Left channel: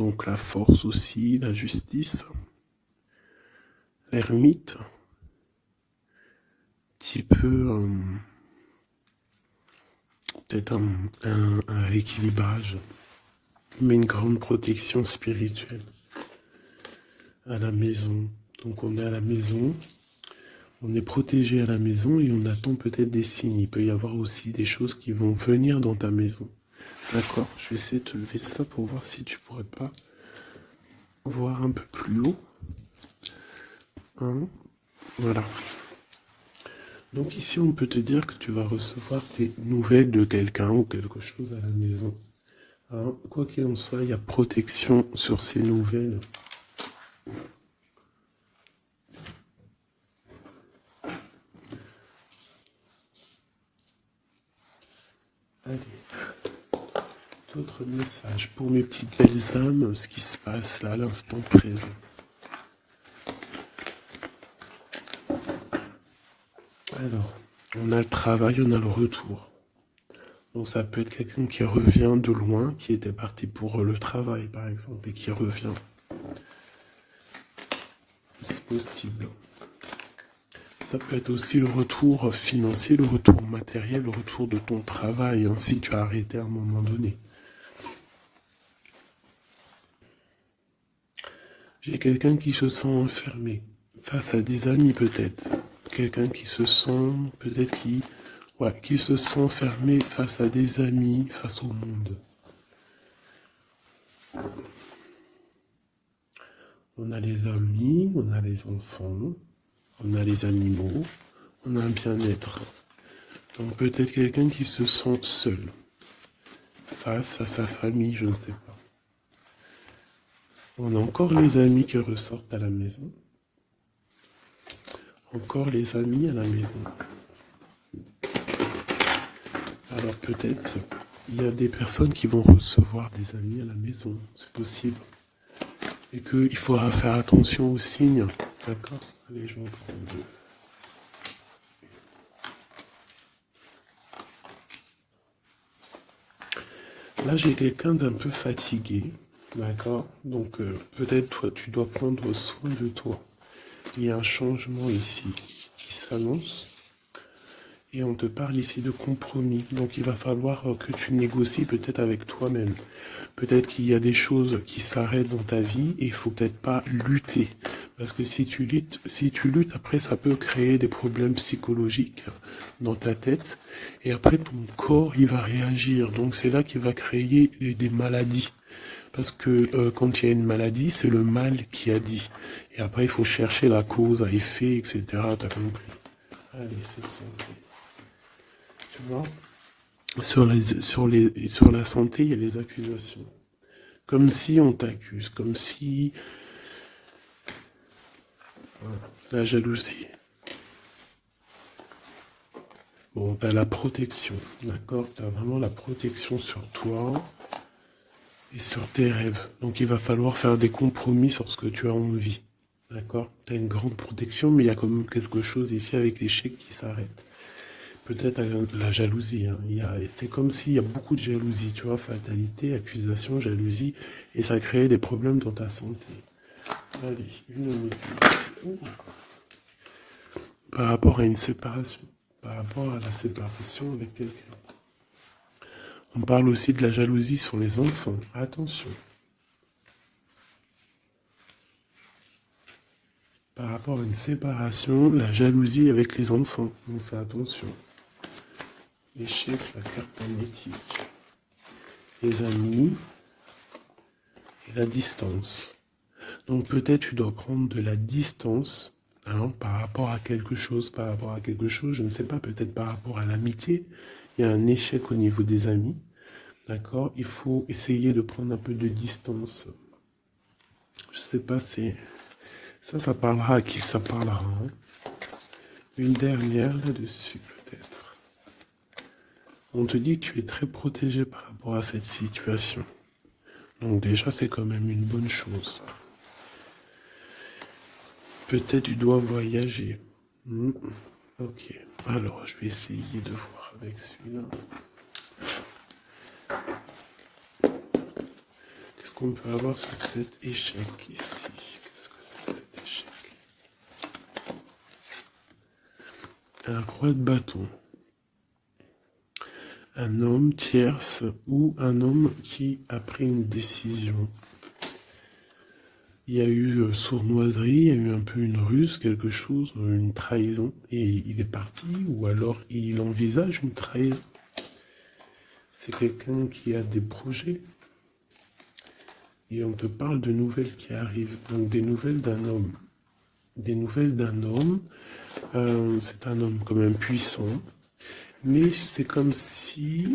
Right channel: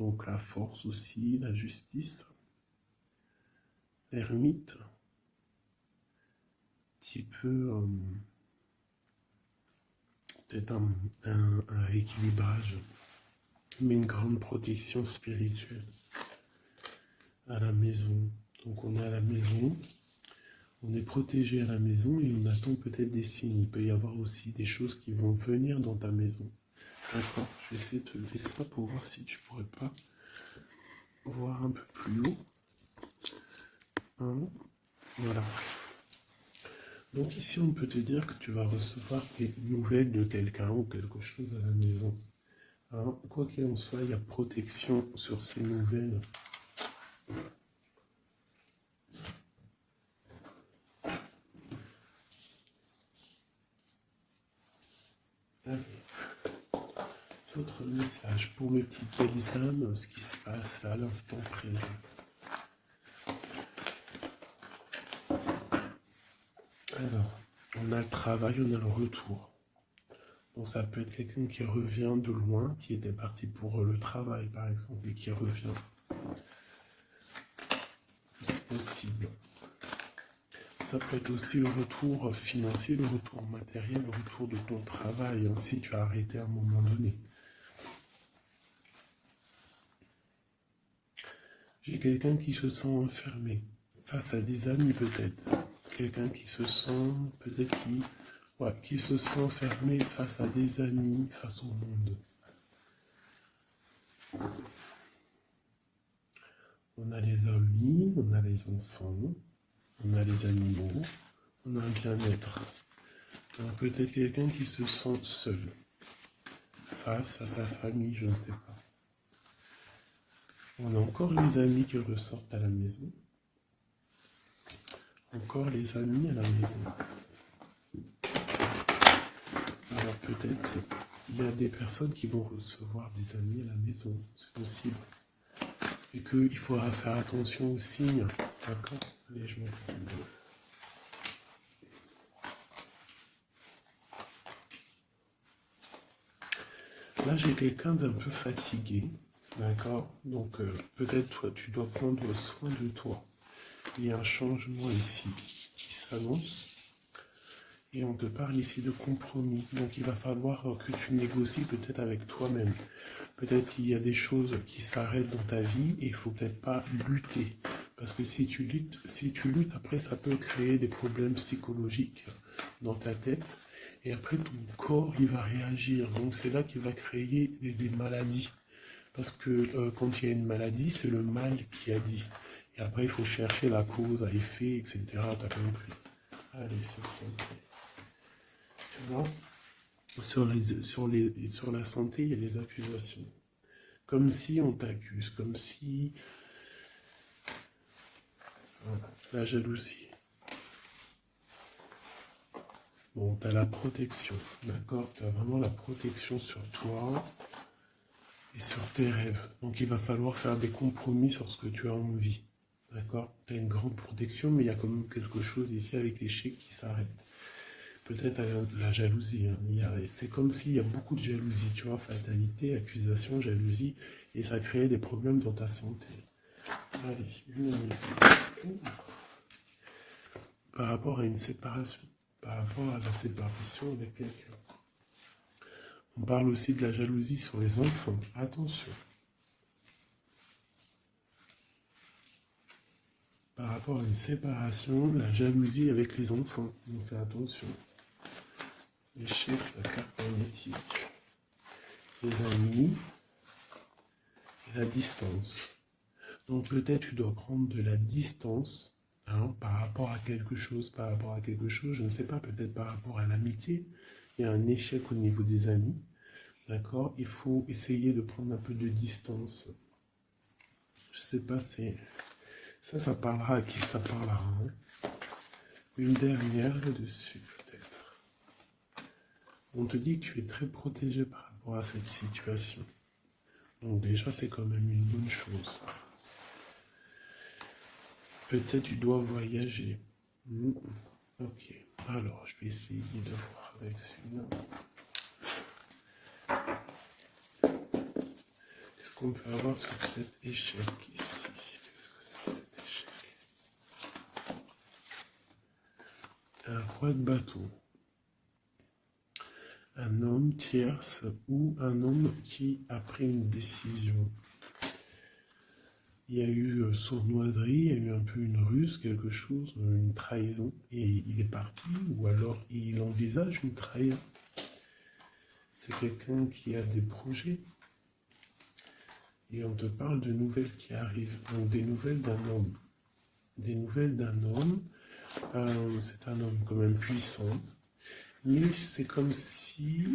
Donc la force aussi, la justice, l'ermite, petit peu peut-être un rééquilibrage, mais une grande protection spirituelle à la maison. Donc on est à la maison, on est protégé à la maison et on attend peut-être des signes. Il peut y avoir aussi des choses qui vont venir dans ta maison. D'accord, je vais essayer de te lever ça pour voir si tu pourrais pas voir un peu plus haut. Hein, voilà. Donc ici, on peut te dire que tu vas recevoir des nouvelles de quelqu'un ou quelque chose à la maison. Hein, quoi qu'il en soit, il y a protection sur ces nouvelles. Allez, d'autres messages pour mes petites belles âmes, ce qui se passe là à l'instant présent. Alors, on a le travail, on a le retour. Donc ça peut être quelqu'un qui revient de loin, qui était parti pour le travail par exemple, et qui revient. C'est possible. Ça peut être aussi le retour financier, le retour matériel, le retour de ton travail, hein, si tu as arrêté à un moment donné. J'ai quelqu'un qui se sent enfermé face à des amis peut-être. Quelqu'un qui se sent, peut-être qui se sent fermé face à des amis, face au monde. On a les amis, on a les enfants, on a les animaux, on a un bien-être. Donc peut-être quelqu'un qui se sent seul face à sa famille, je ne sais pas. On a encore les amis qui ressortent à la maison. Encore les amis à la maison. Alors peut-être il y a des personnes qui vont recevoir des amis à la maison, c'est possible. Et qu'il faudra faire attention aux signes. D'accord? Les gens. Là j'ai quelqu'un d'un peu fatigué. D'accord? Donc peut-être toi tu dois prendre soin de toi. Il y a un changement ici qui s'annonce. Et on te parle ici de compromis. Donc il va falloir que tu négocies peut-être avec toi-même. Peut-être qu'il y a des choses qui s'arrêtent dans ta vie et il faut peut-être pas lutter. Parce que si tu luttes, après ça peut créer des problèmes psychologiques dans ta tête. Et après ton corps, il va réagir. Donc c'est là qu'il va créer des maladies. Parce que quand il y a une maladie, c'est le mal qui a dit. Et après, il faut chercher la cause à effet, etc. T'as compris? Allez, c'est ça. Tu vois? Sur la santé, il y a les accusations. Comme si on t'accuse, comme si la jalousie. Bon, t'as la protection, d'accord? T'as vraiment la protection sur toi et sur tes rêves. Donc il va falloir faire des compromis sur ce que tu as envie. D'accord? T'as une grande protection, mais il y a quand même quelque chose ici avec l'échec qui s'arrête. Peut-être la jalousie. Hein. C'est comme s'il y a beaucoup de jalousie, tu vois, fatalité, accusation, jalousie, et ça crée des problèmes dans ta santé. Allez, une minute. Par rapport à une séparation, par rapport à la séparation avec quelqu'un. On parle aussi de la jalousie sur les enfants. Attention. Par rapport à une séparation, la jalousie avec les enfants. On fait attention. L'échec, la carte magnétique. Les amis et la distance. Donc peut-être tu dois prendre de la distance par rapport à quelque chose, je ne sais pas, peut-être par rapport à l'amitié. Il y a un échec au niveau des amis. D'accord? Il faut essayer de prendre un peu de distance. Je sais pas si... Ça parlera à qui ça parlera. Hein. Une dernière là-dessus, peut-être. On te dit que tu es très protégé par rapport à cette situation. Donc déjà, c'est quand même une bonne chose. Peut-être tu dois voyager. Ok. Alors, je vais essayer de voir avec celui-là. Qu'est-ce qu'on peut avoir sur cet échec ici? Qu'est-ce que c'est cet échec? Un roi de bâton. Un homme tierce ou un homme qui a pris une décision. Il y a eu sournoiserie, il y a eu un peu une ruse, quelque chose, une trahison, et il est parti, ou alors il envisage une trahison. C'est quelqu'un qui a des projets, et on te parle de nouvelles qui arrivent, donc des nouvelles d'un homme. Des nouvelles d'un homme, c'est un homme quand même puissant, mais c'est comme si,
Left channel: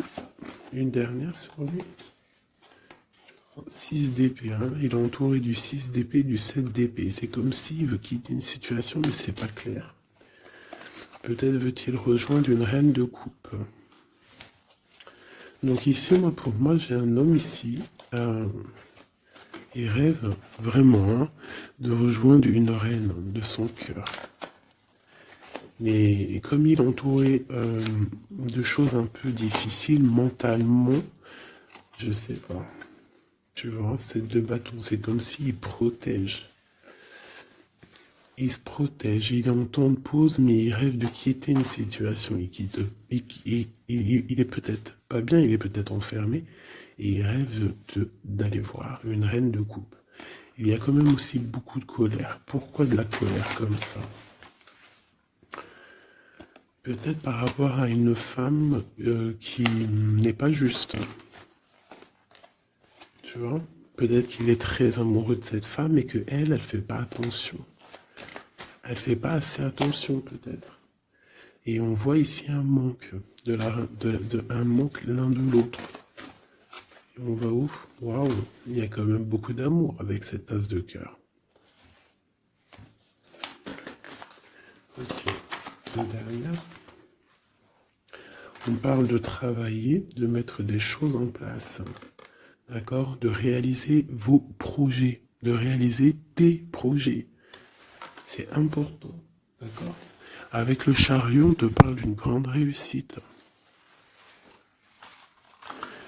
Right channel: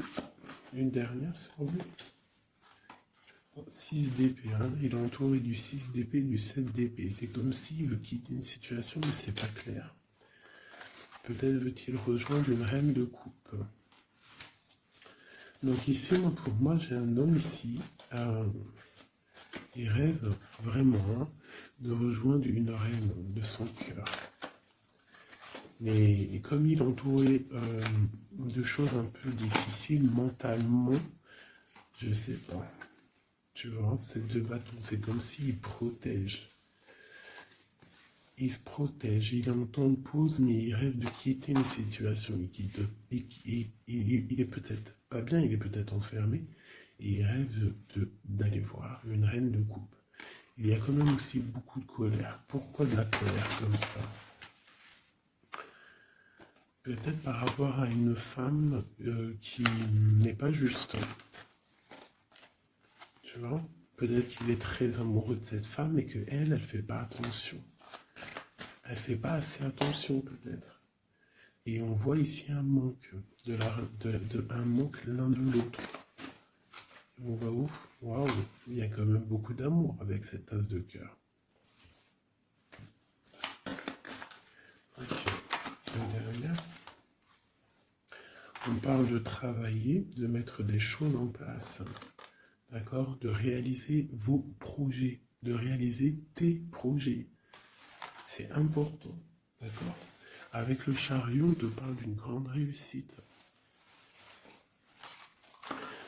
une dernière sur lui, 6 d'épée, hein. Il est entouré du 6 d'épée, du 7 d'épée. C'est comme s'il veut quitter une situation, mais c'est pas clair. Peut-être veut-il rejoindre une reine de coupe. Donc ici, pour moi, j'ai un homme ici. Il rêve vraiment de rejoindre une reine de son cœur. Mais comme il est entouré de choses un peu difficiles mentalement, je sais pas. Tu vois, ces deux bâtons, c'est comme s'il protège. Il se protège, il est en temps de pause, mais il rêve de quitter une situation. Il est peut-être pas bien, il est peut-être enfermé, et il rêve d'aller voir une reine de coupe. Il y a quand même aussi beaucoup de colère. Pourquoi de la colère comme ça? Peut-être par rapport à une femme qui n'est pas juste. Tu vois? Peut-être qu'il est très amoureux de cette femme et qu'elle, elle fait pas attention. Elle fait pas assez attention peut-être. Et on voit ici un manque, un manque l'un de l'autre. Et on va où? Waouh, il y a quand même beaucoup d'amour avec cette tasse de cœur. Ok, la dernière. On parle de travailler, de mettre des choses en place. D'accord? De réaliser vos projets, de réaliser tes projets. C'est important. D'accord? Avec le chariot, on te parle d'une grande réussite.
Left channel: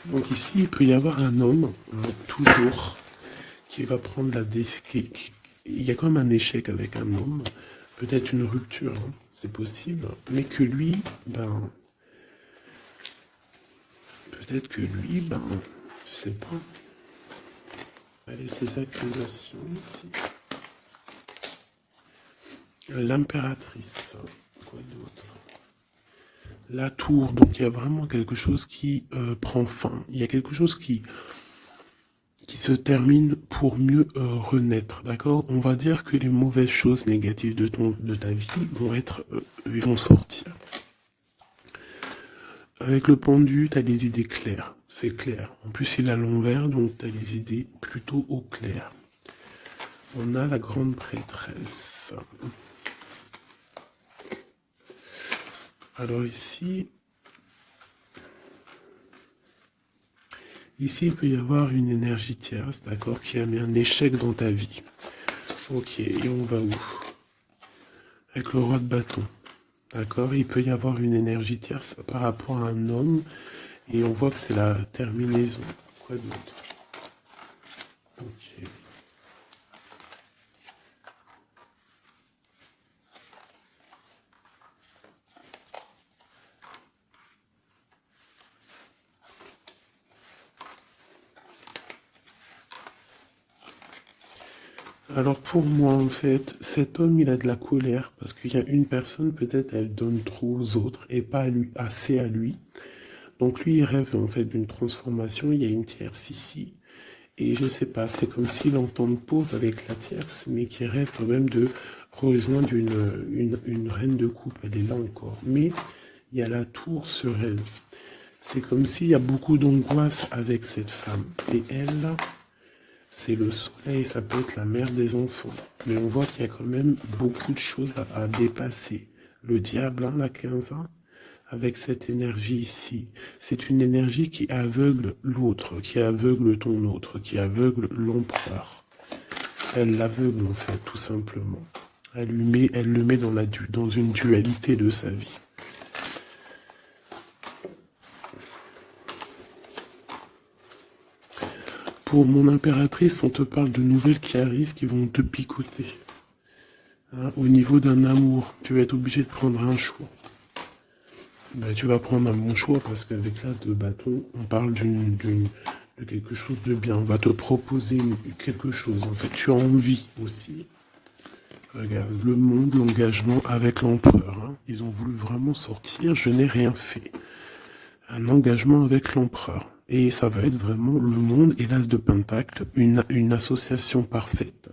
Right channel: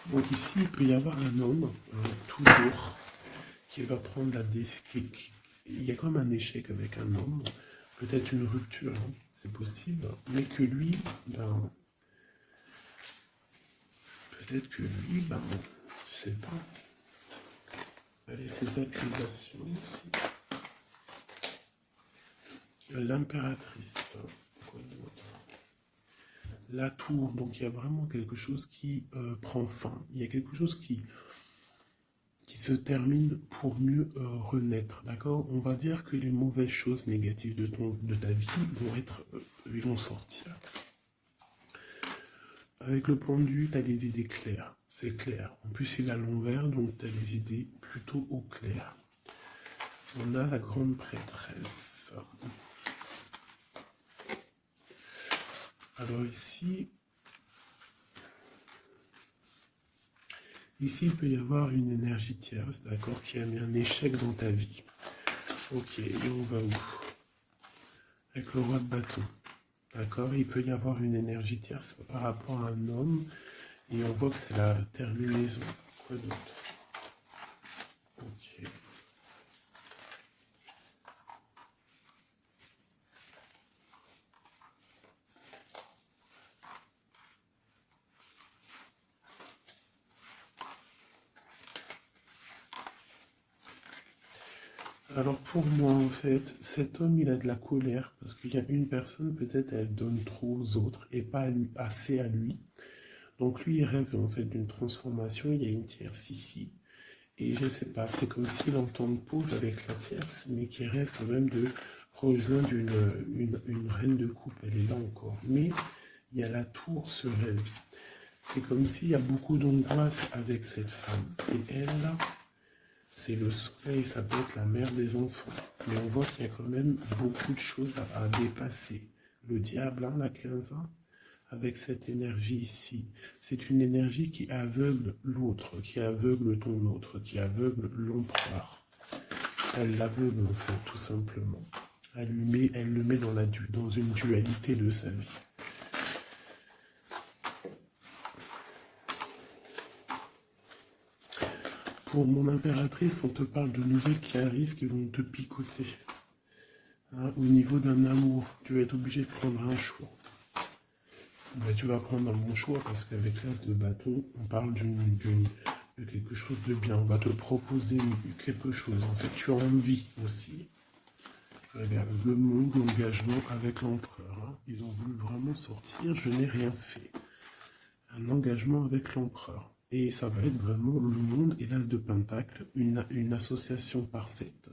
Donc ici, il peut y avoir un homme, toujours, qui va prendre la décision. Il y a quand même un échec avec un homme, peut-être une rupture, hein, c'est possible, mais que lui, peut-être que lui, je sais pas. Allez, ces accusations ici. L'impératrice, quoi d'autre? La tour, donc il y a vraiment quelque chose qui prend fin. Il y a quelque chose qui se termine pour mieux renaître, d'accord? On va dire que les mauvaises choses négatives de ta vie vont sortir. Avec le pendu, tu as les idées claires, c'est clair. En plus, il est à l'envers, donc tu as les idées plutôt au clair. On a la grande prêtresse. Alors ici, il peut y avoir une énergie tierce, d'accord, qui a mis un échec dans ta vie. Ok, et on va où? Avec le roi de bâton. D'accord, il peut y avoir une énergie tierce par rapport à un homme, et on voit que c'est la terminaison. Quoi d'autre? Ok. Alors pour moi, en fait, cet homme, il a de la colère, parce qu'il y a une personne, peut-être, elle donne trop aux autres, et pas à lui, assez à lui. Donc lui, il rêve en fait d'une transformation, il y a une tierce ici. Et je sais pas, c'est comme s'il entend une pause avec la tierce, mais qui rêve quand même de rejoindre une reine de coupe. Elle est là encore. Mais il y a la tour sur elle. C'est comme s'il y a beaucoup d'angoisse avec cette femme. Et elle, là, c'est le soleil, ça peut être la mère des enfants. Mais on voit qu'il y a quand même beaucoup de choses à dépasser. Le diable, hein, la 15 ans, avec cette énergie ici. C'est une énergie qui aveugle l'autre, qui aveugle ton autre, qui aveugle l'empereur. Elle l'aveugle en fait, tout simplement. Elle le met dans une dualité de sa vie. Pour mon impératrice, on te parle de nouvelles qui arrivent, qui vont te picoter. Hein, au niveau d'un amour, tu vas être obligé de prendre un choix. Ben, tu vas prendre un bon choix parce qu'avec l'as de bâton, on parle de quelque chose de bien. On va te proposer quelque chose. En fait, tu as envie aussi. Regarde, le monde, l'engagement avec l'empereur. Hein. Ils ont voulu vraiment sortir, je n'ai rien fait. Un engagement avec l'empereur. Et ça va être vraiment le monde et l'as de pentacle, une association parfaite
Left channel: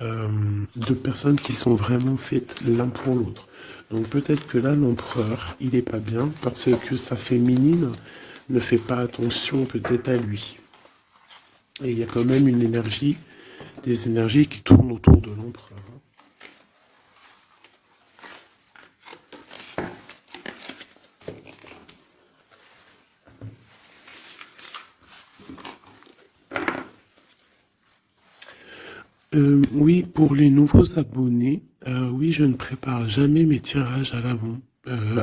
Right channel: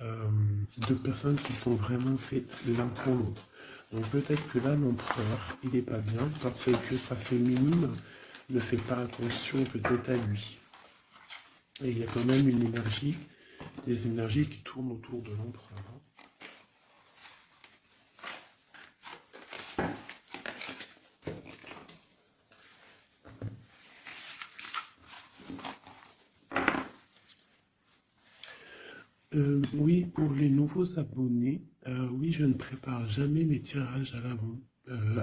de personnes qui sont vraiment faites l'un pour l'autre. Donc peut-être que là, l'empereur, il n'est pas bien parce que sa féminine ne fait pas attention peut-être à lui. Et il y a quand même une énergie, des énergies qui tournent autour de l'empereur. Oui, pour les nouveaux abonnés, oui, je ne prépare jamais mes tirages à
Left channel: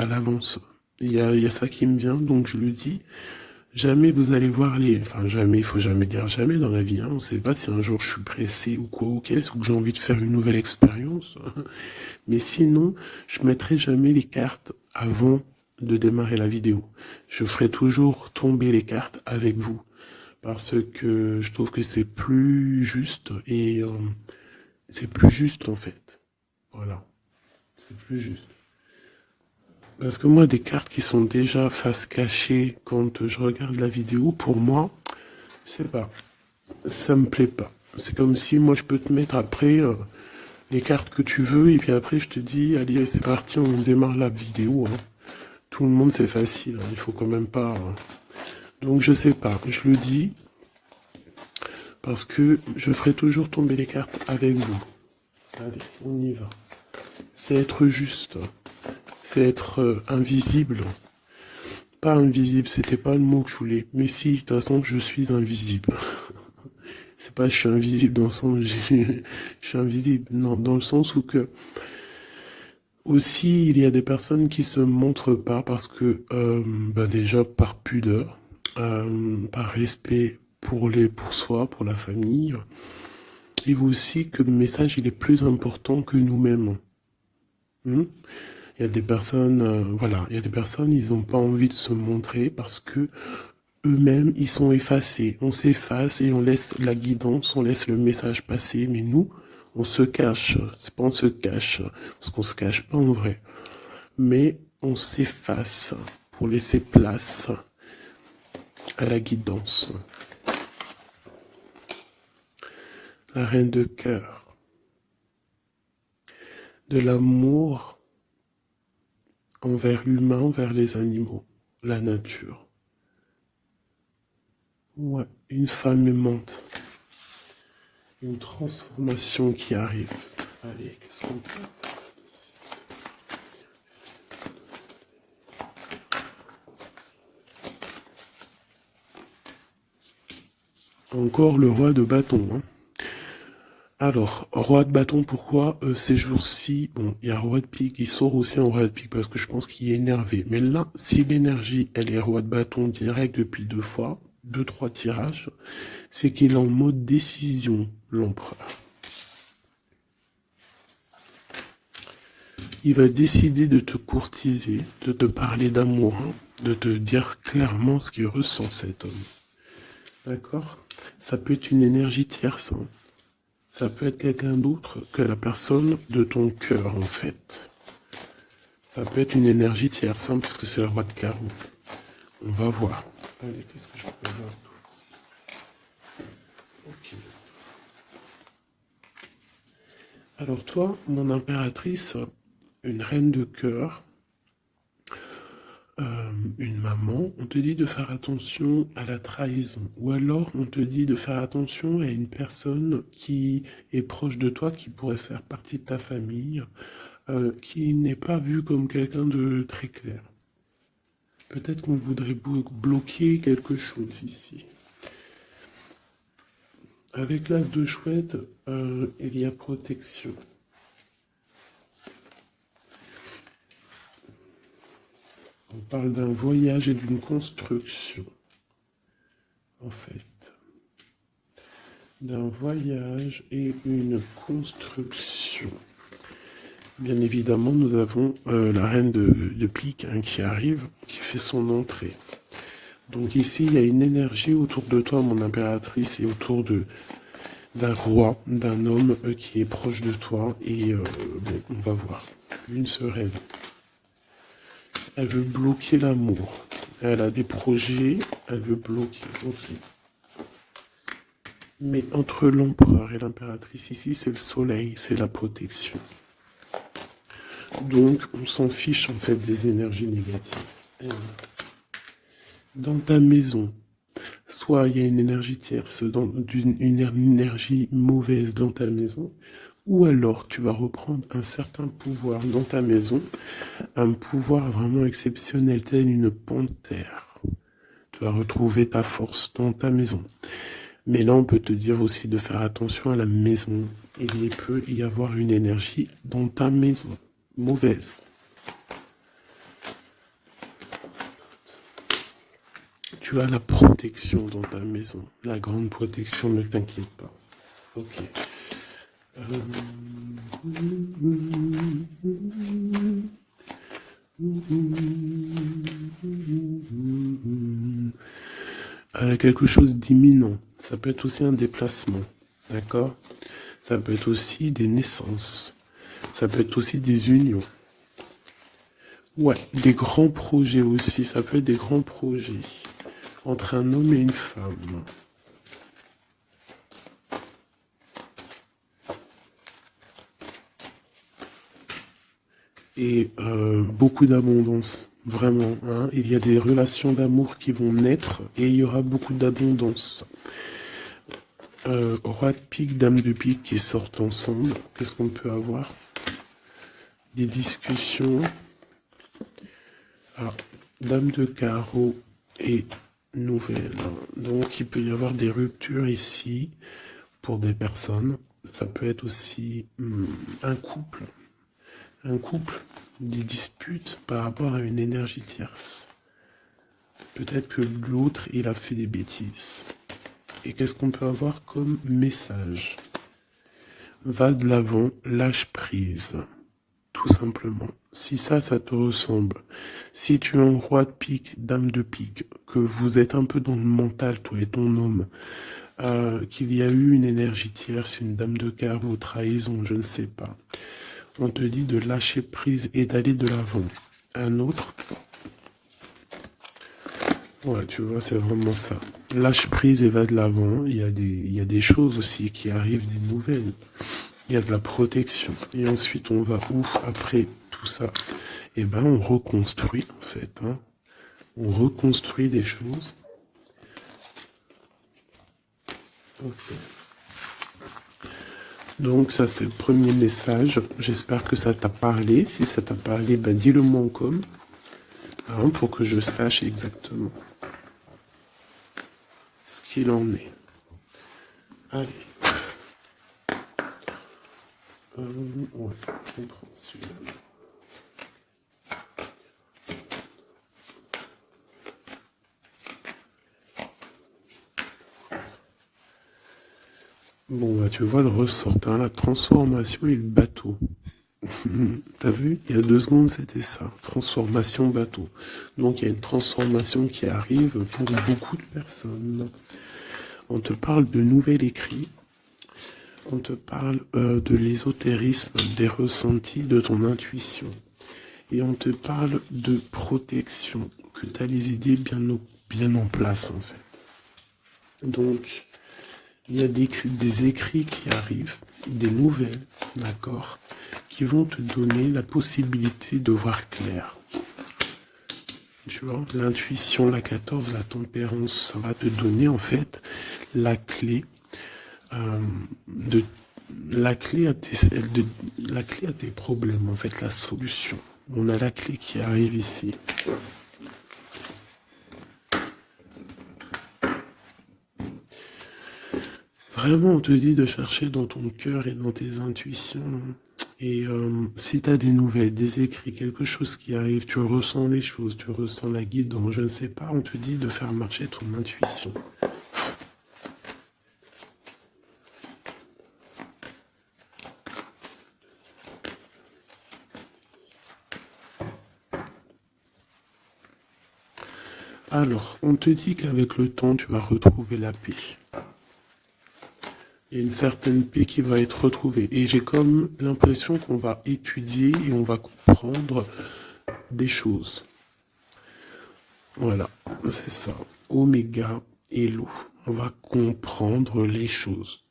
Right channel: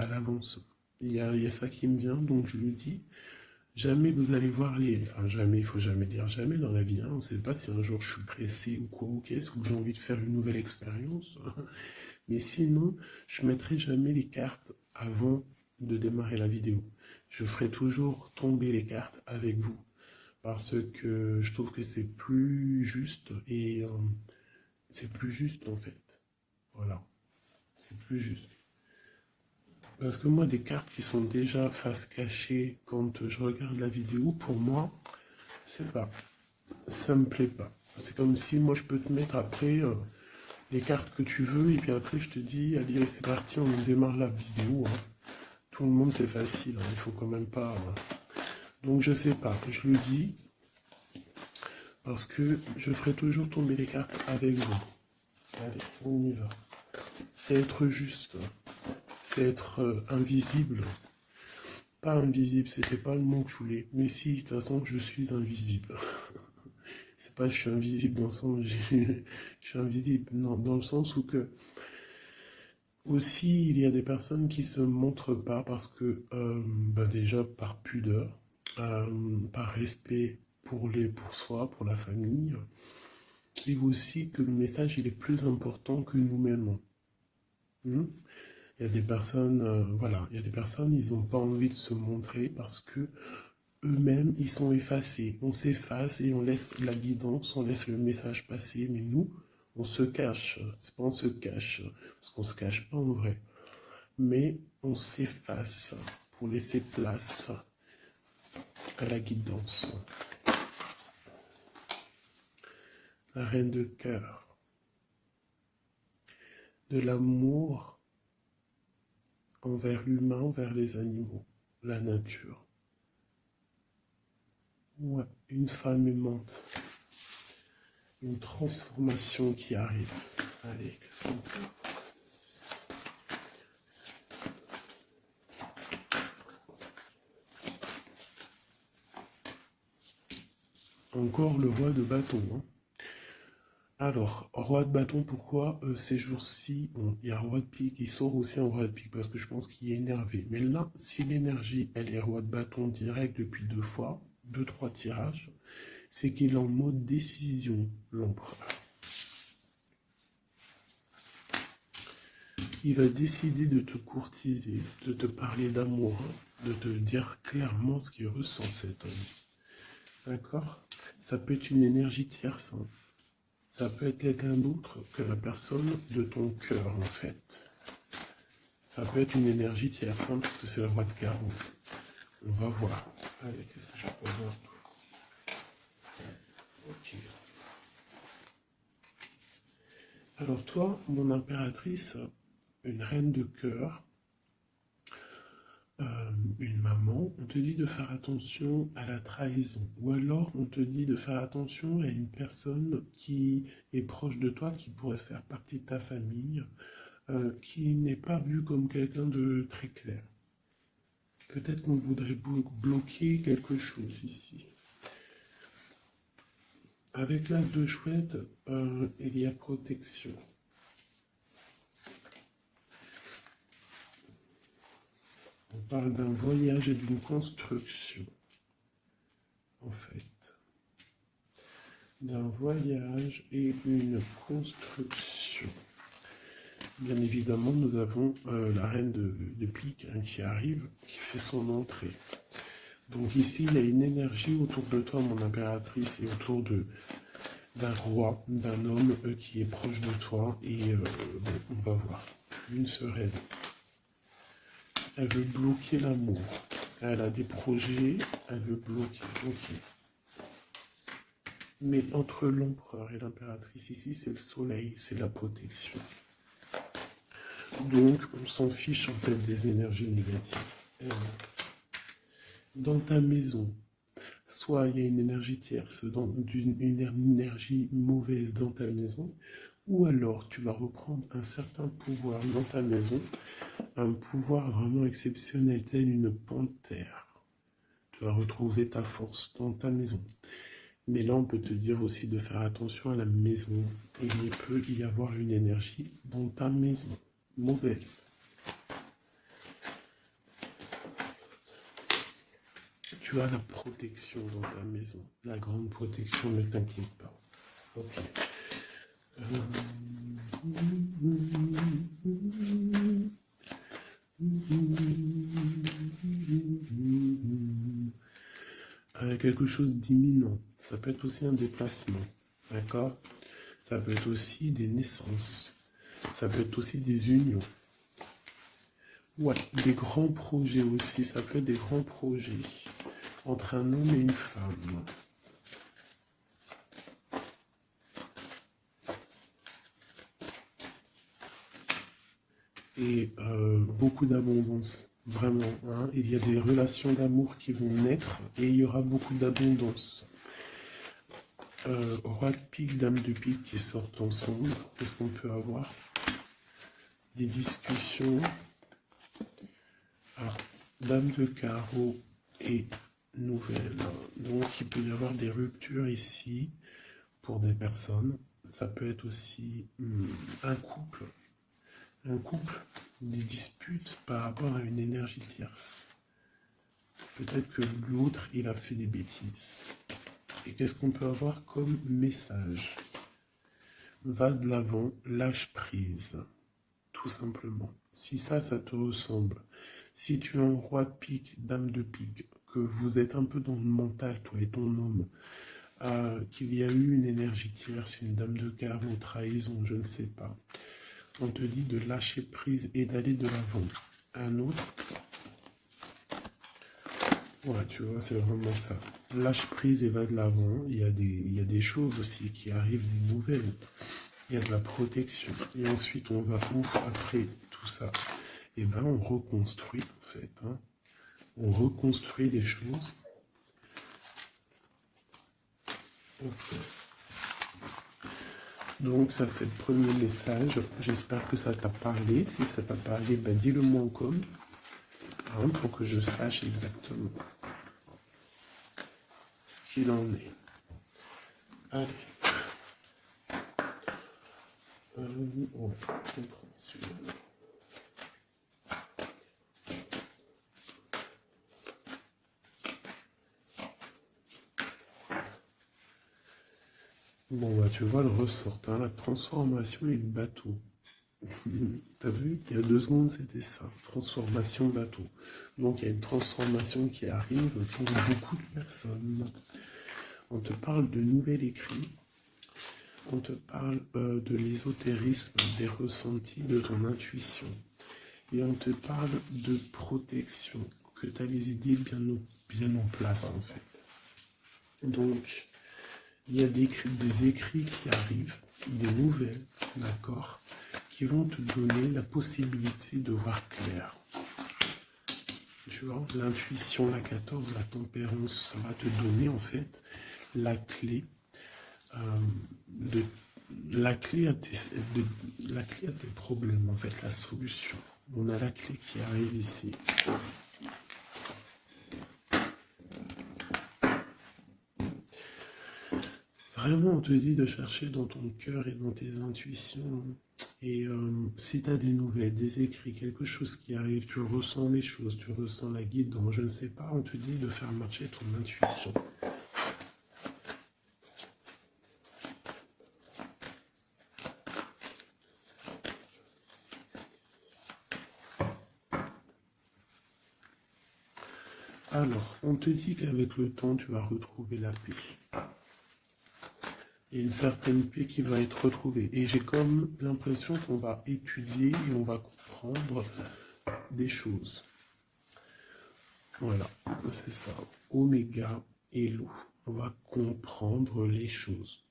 l'avance. Il y a ça qui me vient, donc je le dis. Jamais vous allez voir les... Enfin, jamais, il faut jamais dire jamais dans la vie. Hein. On ne sait pas si un jour je suis pressé ou quoi, ou qu'est-ce, ou que j'ai envie de faire une nouvelle expérience. Mais sinon, je mettrai jamais les cartes avant de démarrer la vidéo. Je ferai toujours tomber les cartes avec vous. Parce que je trouve que c'est plus juste et c'est plus juste en fait. Voilà, c'est plus juste. Parce que moi, des cartes qui sont déjà face cachée quand je regarde la vidéo, pour moi, je sais pas, ça me plaît pas. C'est comme si moi je peux te mettre après les cartes que tu veux et puis après je te dis, allez, c'est parti, on démarre la vidéo. Hein. Tout le monde c'est facile, hein, il faut quand même pas. Hein. Donc je sais pas, je le dis parce que je ferai toujours tomber les cartes avec vous. Allez, on y va. C'est être juste, c'est être invisible. Pas invisible, c'était pas le mot que je voulais. Mais si, de toute façon, je suis invisible. C'est pas je suis invisible dans le sens je suis invisible, non, dans le sens où que aussi il y a des personnes qui se montrent pas parce que bah déjà par pudeur, par respect pour soi, pour la famille, et aussi que le message il est plus important que nous-mêmes. Hmm. Il y a des personnes, voilà, il y a des personnes, ils n'ont pas envie de se montrer parce que eux-mêmes, ils sont effacés. On s'efface et on laisse la guidance, on laisse le message passer. Mais nous, on se cache. C'est pas on se cache, parce qu'on se cache pas en vrai. Mais on s'efface pour laisser place à la guidance. La reine de cœur. De l'amour envers l'humain, envers les animaux, la nature. Ouais, une femme aimante. Une transformation qui arrive. Allez, qu'est-ce qu'on peut faire? Encore le roi de bâton. Hein. Alors, roi de bâton, pourquoi ces jours-ci, bon, il y a roi de pique, il sort aussi en roi de pique parce que je pense qu'il est énervé. Mais là, si l'énergie, elle est roi de bâton direct depuis deux fois, deux, trois tirages, c'est qu'il est en mode décision, l'empereur. Il va décider de te courtiser, de te parler d'amour, hein, de te dire clairement ce qu'il ressent cet homme. D'accord? Ça peut être une énergie tierce. Hein. Ça peut être quelqu'un d'autre que la personne de ton cœur, en fait. Ça peut être une énergie tierce, hein, parce que c'est le roi de carreau. On va voir. Allez, qu'est-ce que je peux voir d'autre? Ok. Alors toi, mon impératrice, une reine de cœur, une maman, on te dit de faire attention à la trahison. Ou alors on te dit de faire attention à une personne qui est proche de toi, qui pourrait faire partie de ta famille, qui n'est pas vue comme quelqu'un de très clair. Peut-être qu'on voudrait bloquer quelque chose ici. Avec l'as de chouette, il y a protection. On parle d'un voyage et d'une construction, en fait. d'un voyage et une construction. Bien évidemment, nous avons la reine de pique hein, qui arrive, qui fait son entrée. Donc ici, il y a une énergie autour de toi, mon impératrice, et autour d'un roi, d'un homme qui est proche de toi. Et bon, on va voir. Une sereine. Elle veut bloquer l'amour. Elle a des projets, elle veut bloquer. Ok. Mais entre l'empereur et l'impératrice, ici, c'est le soleil, c'est la protection. Donc, on s'en fiche en fait des énergies négatives. Dans ta maison, soit il y a une énergie tierce, une énergie mauvaise dans ta maison, ou alors tu vas reprendre un certain pouvoir dans ta maison, un pouvoir vraiment exceptionnel, tel une panthère. Tu vas retrouver ta force dans ta maison. Mais là, on peut te dire aussi de faire attention à la maison. Il peut y avoir une énergie dans ta maison, mauvaise. Tu as la protection dans ta maison, la grande protection, ne t'inquiète pas. Ok. Quelque chose d'imminent. Ça peut être aussi un déplacement. D'accord? Ça peut être aussi des naissances. Ça peut être aussi des unions. Ouais, des grands projets aussi. Ça peut être des grands projets entre un homme et une femme. Et beaucoup d'abondance, vraiment. Hein. Il y a des relations d'amour qui vont naître et il y aura beaucoup d'abondance. Roi de pique, dame de pique qui sortent ensemble. Qu'est-ce qu'on peut avoir? Des discussions. Alors, dame de carreau et nouvelle. Donc, il peut y avoir des ruptures ici pour des personnes. Ça peut être aussi un couple. Un couple, des disputes par rapport à une énergie tierce. Peut-être que l'autre, il a fait des bêtises. Et qu'est-ce qu'on peut avoir comme message? Va de l'avant, lâche prise. Tout simplement. Si ça te ressemble, si tu es un roi de pique, dame de pique, que vous êtes un peu dans le mental, toi et ton homme, qu'il y a eu une énergie tierce, une dame de carreau, trahison, je ne sais pas, on te dit de lâcher prise et d'aller de l'avant. Un autre, ouais, tu vois, c'est vraiment ça. Lâche prise et va de l'avant. Il y a des choses aussi qui arrivent, des nouvelles. Il y a de la protection. Et ensuite, on va où après tout ça? Eh ben, on reconstruit, en fait. Hein. On reconstruit des choses. Okay. Donc, ça, c'est le premier message. J'espère que ça t'a parlé. Si ça t'a parlé, ben, dis-le moi en com. Hein, pour que je sache exactement ce qu'il en est. Allez. Ouais, on prend celui-là. Bon, bah, tu vois le ressort, hein, la transformation et le bateau. T'as vu? Il y a 2 secondes, c'était ça. Transformation bateau. Donc, il y a une transformation qui arrive pour beaucoup de personnes. On te parle de nouvel écrit. On te parle de l'ésotérisme, des ressentis, de ton intuition. Et on te parle de protection, que tu as les idées bien en place, en fait. Donc, il y a des écrits qui arrivent, des nouvelles, d'accord, qui vont te donner la possibilité de voir clair. Tu vois, l'intuition, la 14, la tempérance, ça va te donner en fait la clé la clé à tes problèmes, en fait, la solution. On a la clé qui arrive ici. Vraiment, on te dit de chercher dans ton cœur et dans tes intuitions. Et si tu as des nouvelles, des écrits, quelque chose qui arrive, tu ressens les choses, tu ressens la guidance, je ne sais pas, on te dit de faire marcher ton intuition. Alors, on te dit qu'avec le temps, tu vas retrouver la paix. Il y a une certaine paix qui va être retrouvée. Et j'ai comme l'impression qu'on va étudier et on va comprendre des choses. Voilà, c'est ça. Oméga et l'eau. On va comprendre les choses.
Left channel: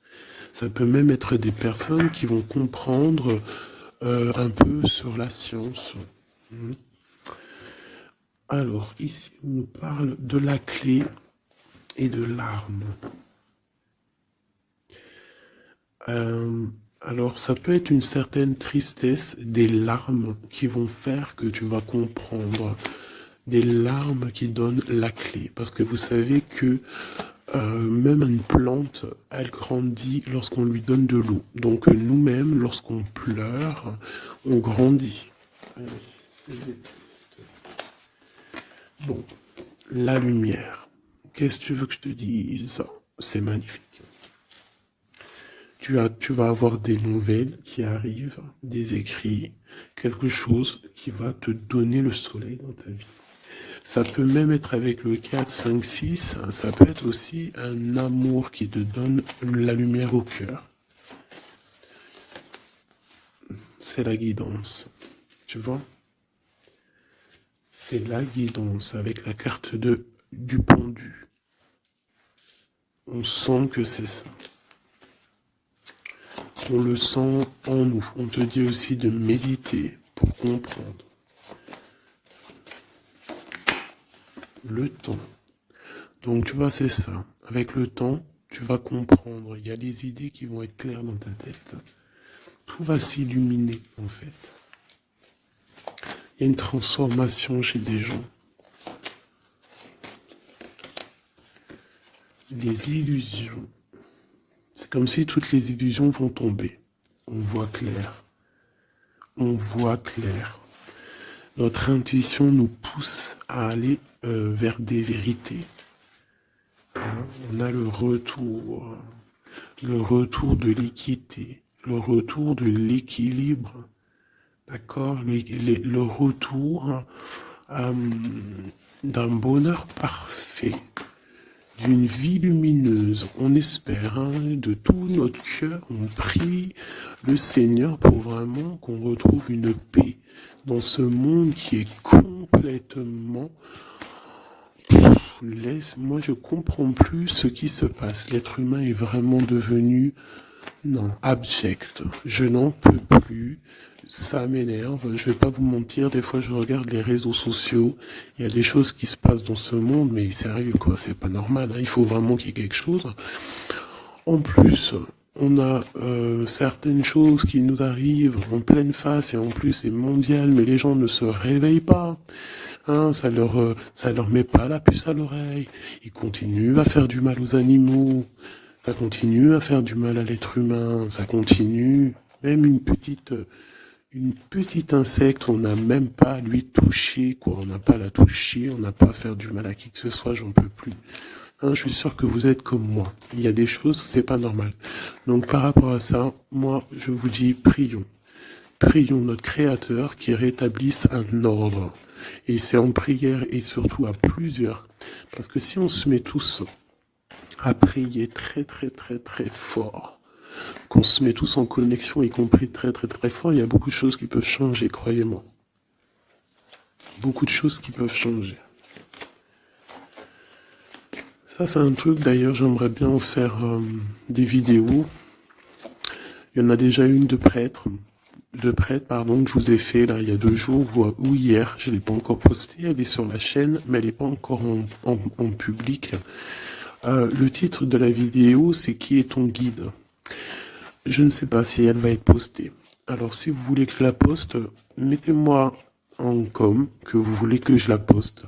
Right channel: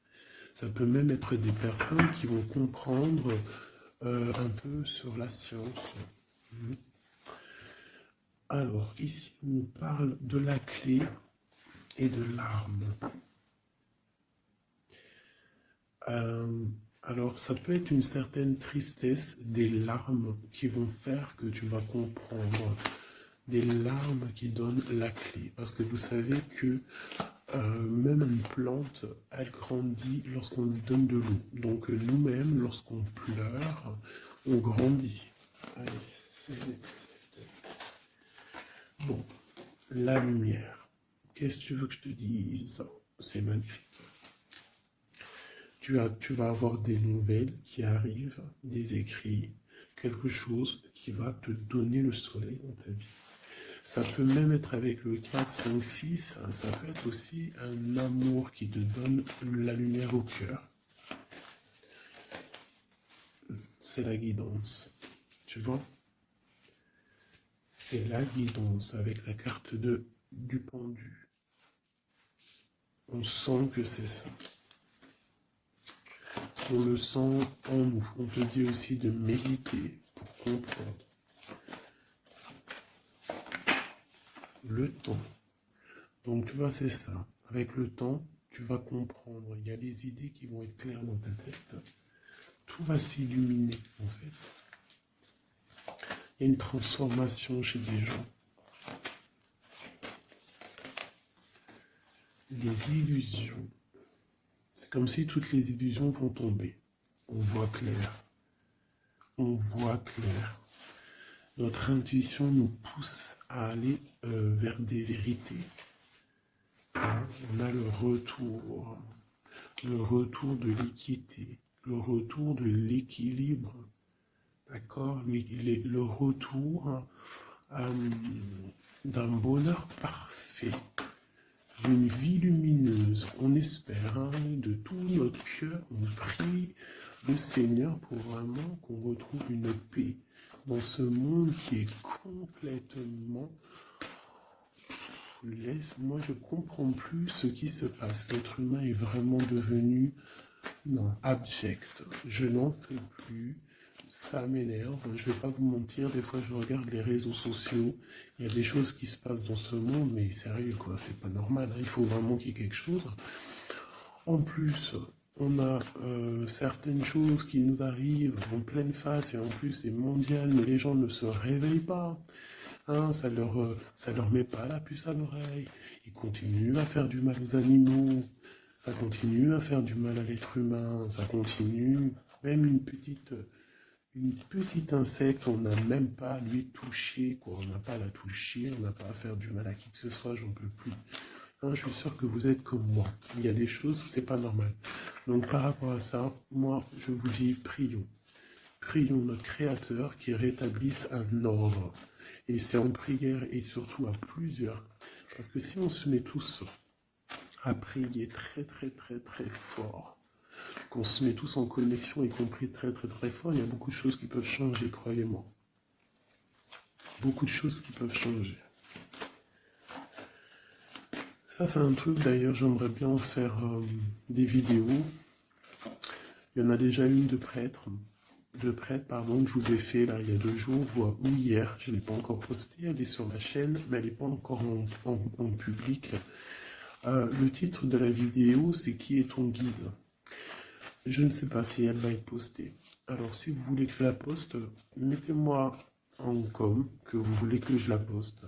Ça peut même être des personnes qui vont comprendre un peu sur la science. Alors, ici, on nous parle de la clé et de l'arme. Alors, ça peut être une certaine tristesse, des larmes qui vont faire que tu vas comprendre. Des larmes qui donnent la clé. Parce que vous savez que même une plante, elle grandit lorsqu'on lui donne de l'eau. Donc nous-mêmes, lorsqu'on pleure, on grandit. Bon, la lumière. Qu'est-ce que tu veux que je te dise? C'est magnifique. Tu vas avoir des nouvelles qui arrivent, des écrits, quelque chose qui va te donner le soleil dans ta vie. Ça peut même être avec le 4, 5, 6, ça peut être aussi un amour qui te donne la lumière au cœur. C'est la guidance, tu vois? C'est la guidance avec la carte du pendu. On sent que c'est ça. On le sent en nous. On te dit aussi de méditer pour comprendre. Le temps. Donc tu vois, c'est ça. Avec le temps, tu vas comprendre. Il y a des idées qui vont être claires dans ta tête. Tout va s'illuminer, en fait. Il y a une transformation chez des gens. Les illusions. C'est comme si toutes les illusions vont tomber. On voit clair. On voit clair. Notre intuition nous pousse à aller vers des vérités. Hein, on a le retour de l'équité, le retour de l'équilibre, d'accord, le retour d'un bonheur parfait, d'une vie lumineuse. On espère, hein, de tout notre cœur, on prie le Seigneur pour vraiment qu'on retrouve une paix dans ce monde qui est complètement... Moi, je comprends plus ce qui se passe. L'être humain est vraiment devenu, non, abject. Je n'en peux plus. Ça m'énerve. Je vais pas vous mentir. Des fois, je regarde les réseaux sociaux. Il y a des choses qui se passent dans ce monde, mais sérieux, quoi. C'est pas normal. Hein. Il faut vraiment qu'il y ait quelque chose. En plus, on a certaines choses qui nous arrivent en pleine face et en plus c'est mondial, mais les gens ne se réveillent pas. Hein, ça leur met pas la puce à l'oreille. Ils continuent à faire du mal aux animaux. Ça continue à faire du mal à l'être humain. Ça continue. Même une petite insecte, on n'a même pas à lui toucher, quoi. On n'a pas à la toucher, on n'a pas à faire du mal à qui que ce soit, j'en peux plus. Hein, je suis sûr que vous êtes comme moi. Il y a des choses, c'est pas normal. Donc par rapport à ça, moi, je vous dis, prions. Prions notre Créateur qui rétablisse un ordre. Et c'est en prière et surtout à plusieurs. Parce que si on se met tous à prier très très très très fort, qu'on se met tous en connexion, y compris très très très fort, il y a beaucoup de choses qui peuvent changer, croyez-moi. Beaucoup de choses qui peuvent changer. Ça c'est un truc d'ailleurs, j'aimerais bien en faire des vidéos. Il y en a déjà une de prêtre, pardon, que je vous ai fait là il y a 2 jours ou hier, je ne l'ai pas encore postée, elle est sur la chaîne, mais elle n'est pas encore en public. Le titre de la vidéo, c'est Qui est ton guide? Je ne sais pas si elle va être postée. Alors si vous voulez que je la poste, mettez-moi en com que vous voulez que je la poste.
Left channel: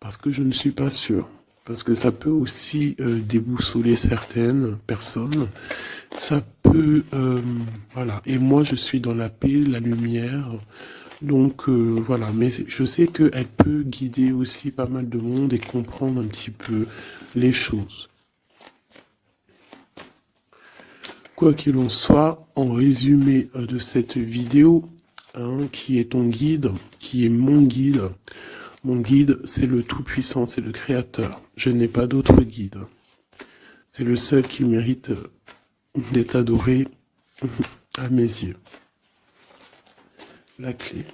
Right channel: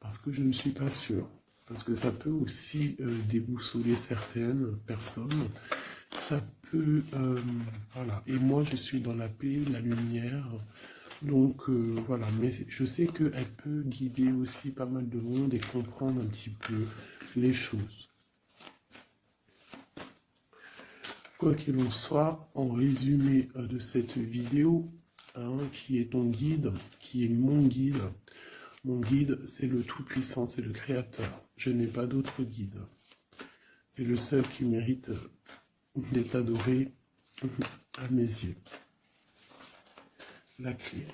Parce que je ne suis pas sûr. Parce que ça peut aussi déboussoler certaines personnes. Ça peut... voilà. Et moi, je suis dans la paix, la lumière. Donc, voilà. Mais je sais qu'elle peut guider aussi pas mal de monde et comprendre un petit peu les choses. Quoi qu'il en soit, en résumé de cette vidéo, hein, qui est ton guide, qui est mon guide, Mon guide, c'est le Tout-Puissant, c'est le Créateur. Je n'ai pas d'autre guide. C'est le seul qui mérite d'être adoré à mes yeux. La clé.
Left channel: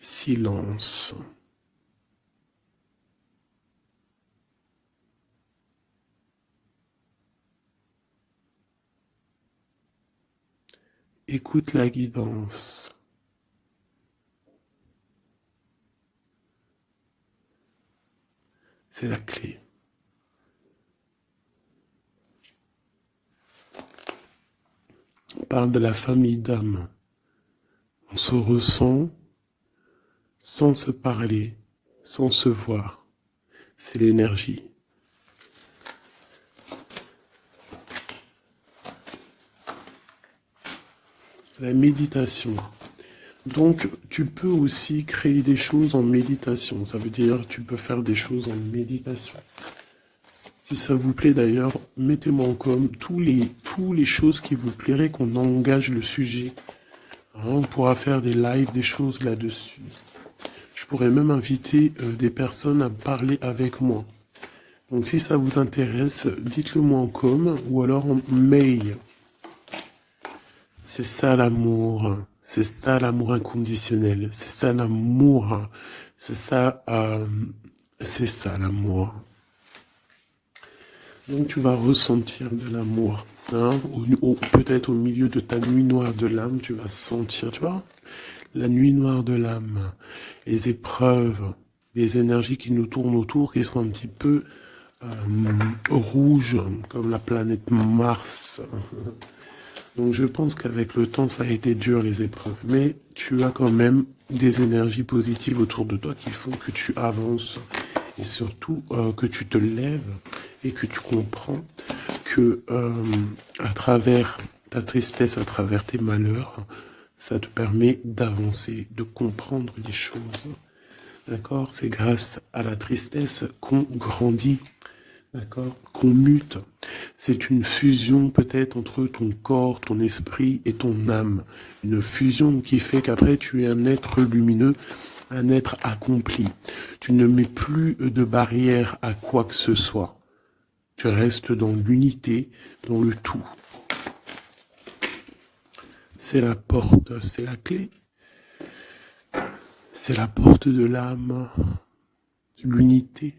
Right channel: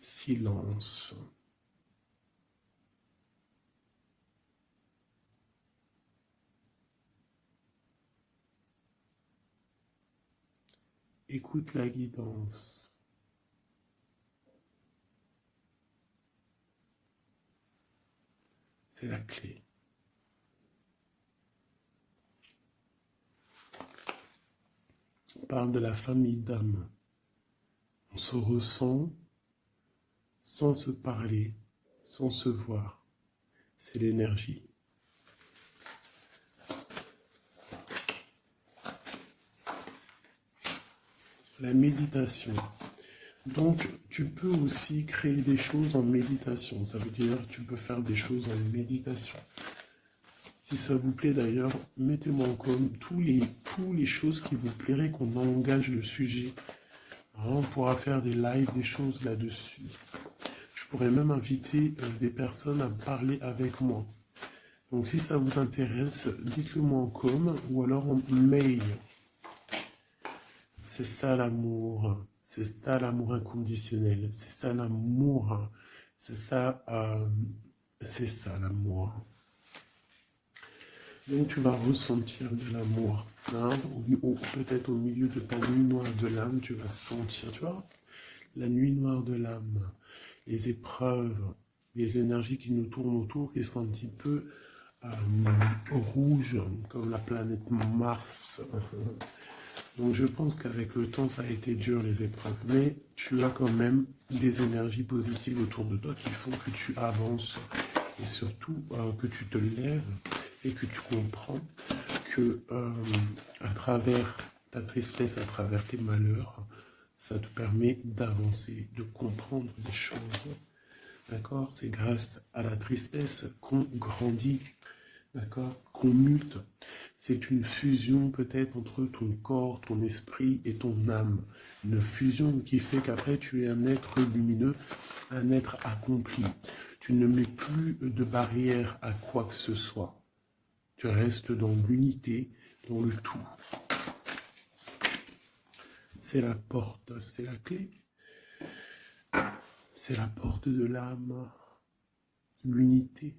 Silence. Écoute la guidance. C'est la clé. On parle de la famille d'âme. On se ressent sans se parler, sans se voir. C'est l'énergie. La méditation. Donc, tu peux aussi créer des choses en méditation. Ça veut dire que tu peux faire des choses en méditation. Si ça vous plaît d'ailleurs, mettez-moi en com tous les choses qui vous plairaient qu'on engage le sujet. Hein, on pourra faire des lives, des choses là-dessus. Je pourrais même inviter des personnes à parler avec moi. Donc si ça vous intéresse, dites-le moi en com ou alors en mail. C'est ça l'amour. C'est ça l'amour inconditionnel. C'est ça l'amour. C'est ça l'amour. Donc tu vas ressentir de l'amour. Hein, peut-être au milieu de ta nuit noire de l'âme, tu vas sentir, tu vois, la nuit noire de l'âme, les épreuves, les énergies qui nous tournent autour, qui sont un petit peu rouges, comme la planète Mars. Donc je pense qu'avec le temps, ça a été dur les épreuves. Mais tu as quand même des énergies positives autour de toi qui font que tu avances. Et surtout que tu te lèves et que tu comprends que à travers ta tristesse, à travers tes malheurs, ça te permet d'avancer, de comprendre les choses. D'accord? C'est grâce à la tristesse qu'on grandit. D'accord? Qu'on mute. C'est une fusion peut-être entre ton corps, ton esprit et ton âme. Une fusion qui fait qu'après tu es un être lumineux, un être accompli. Tu ne mets plus de barrière à quoi que ce soit. Tu restes dans l'unité, dans le tout. C'est la porte, c'est la clé. C'est la porte de l'âme, l'unité.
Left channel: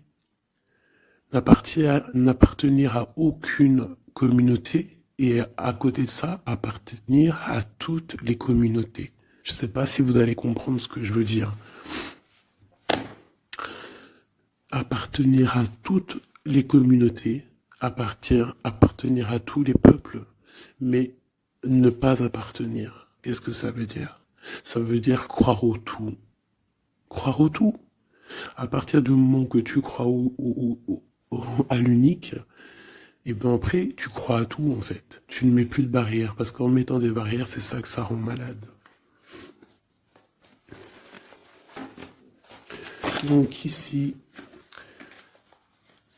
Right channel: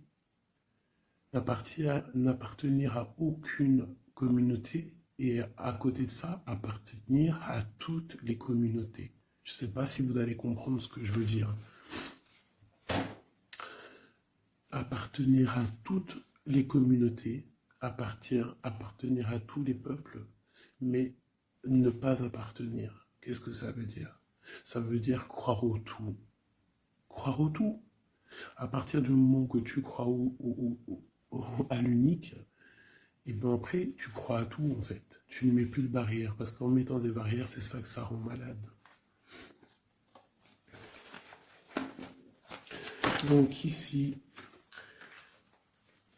N'appartenir à aucune communauté et à côté de ça, appartenir à toutes les communautés. Je ne sais pas si vous allez comprendre ce que je veux dire. Appartenir à toutes les communautés, appartenir à tous les peuples, mais ne pas appartenir. Qu'est-ce que ça veut dire? Ça veut dire croire au tout. Croire au tout. À partir du moment que tu crois à l'unique, et bien après, tu crois à tout en fait. Tu ne mets plus de barrières, parce qu'en mettant des barrières, c'est ça que ça rend malade. Donc ici,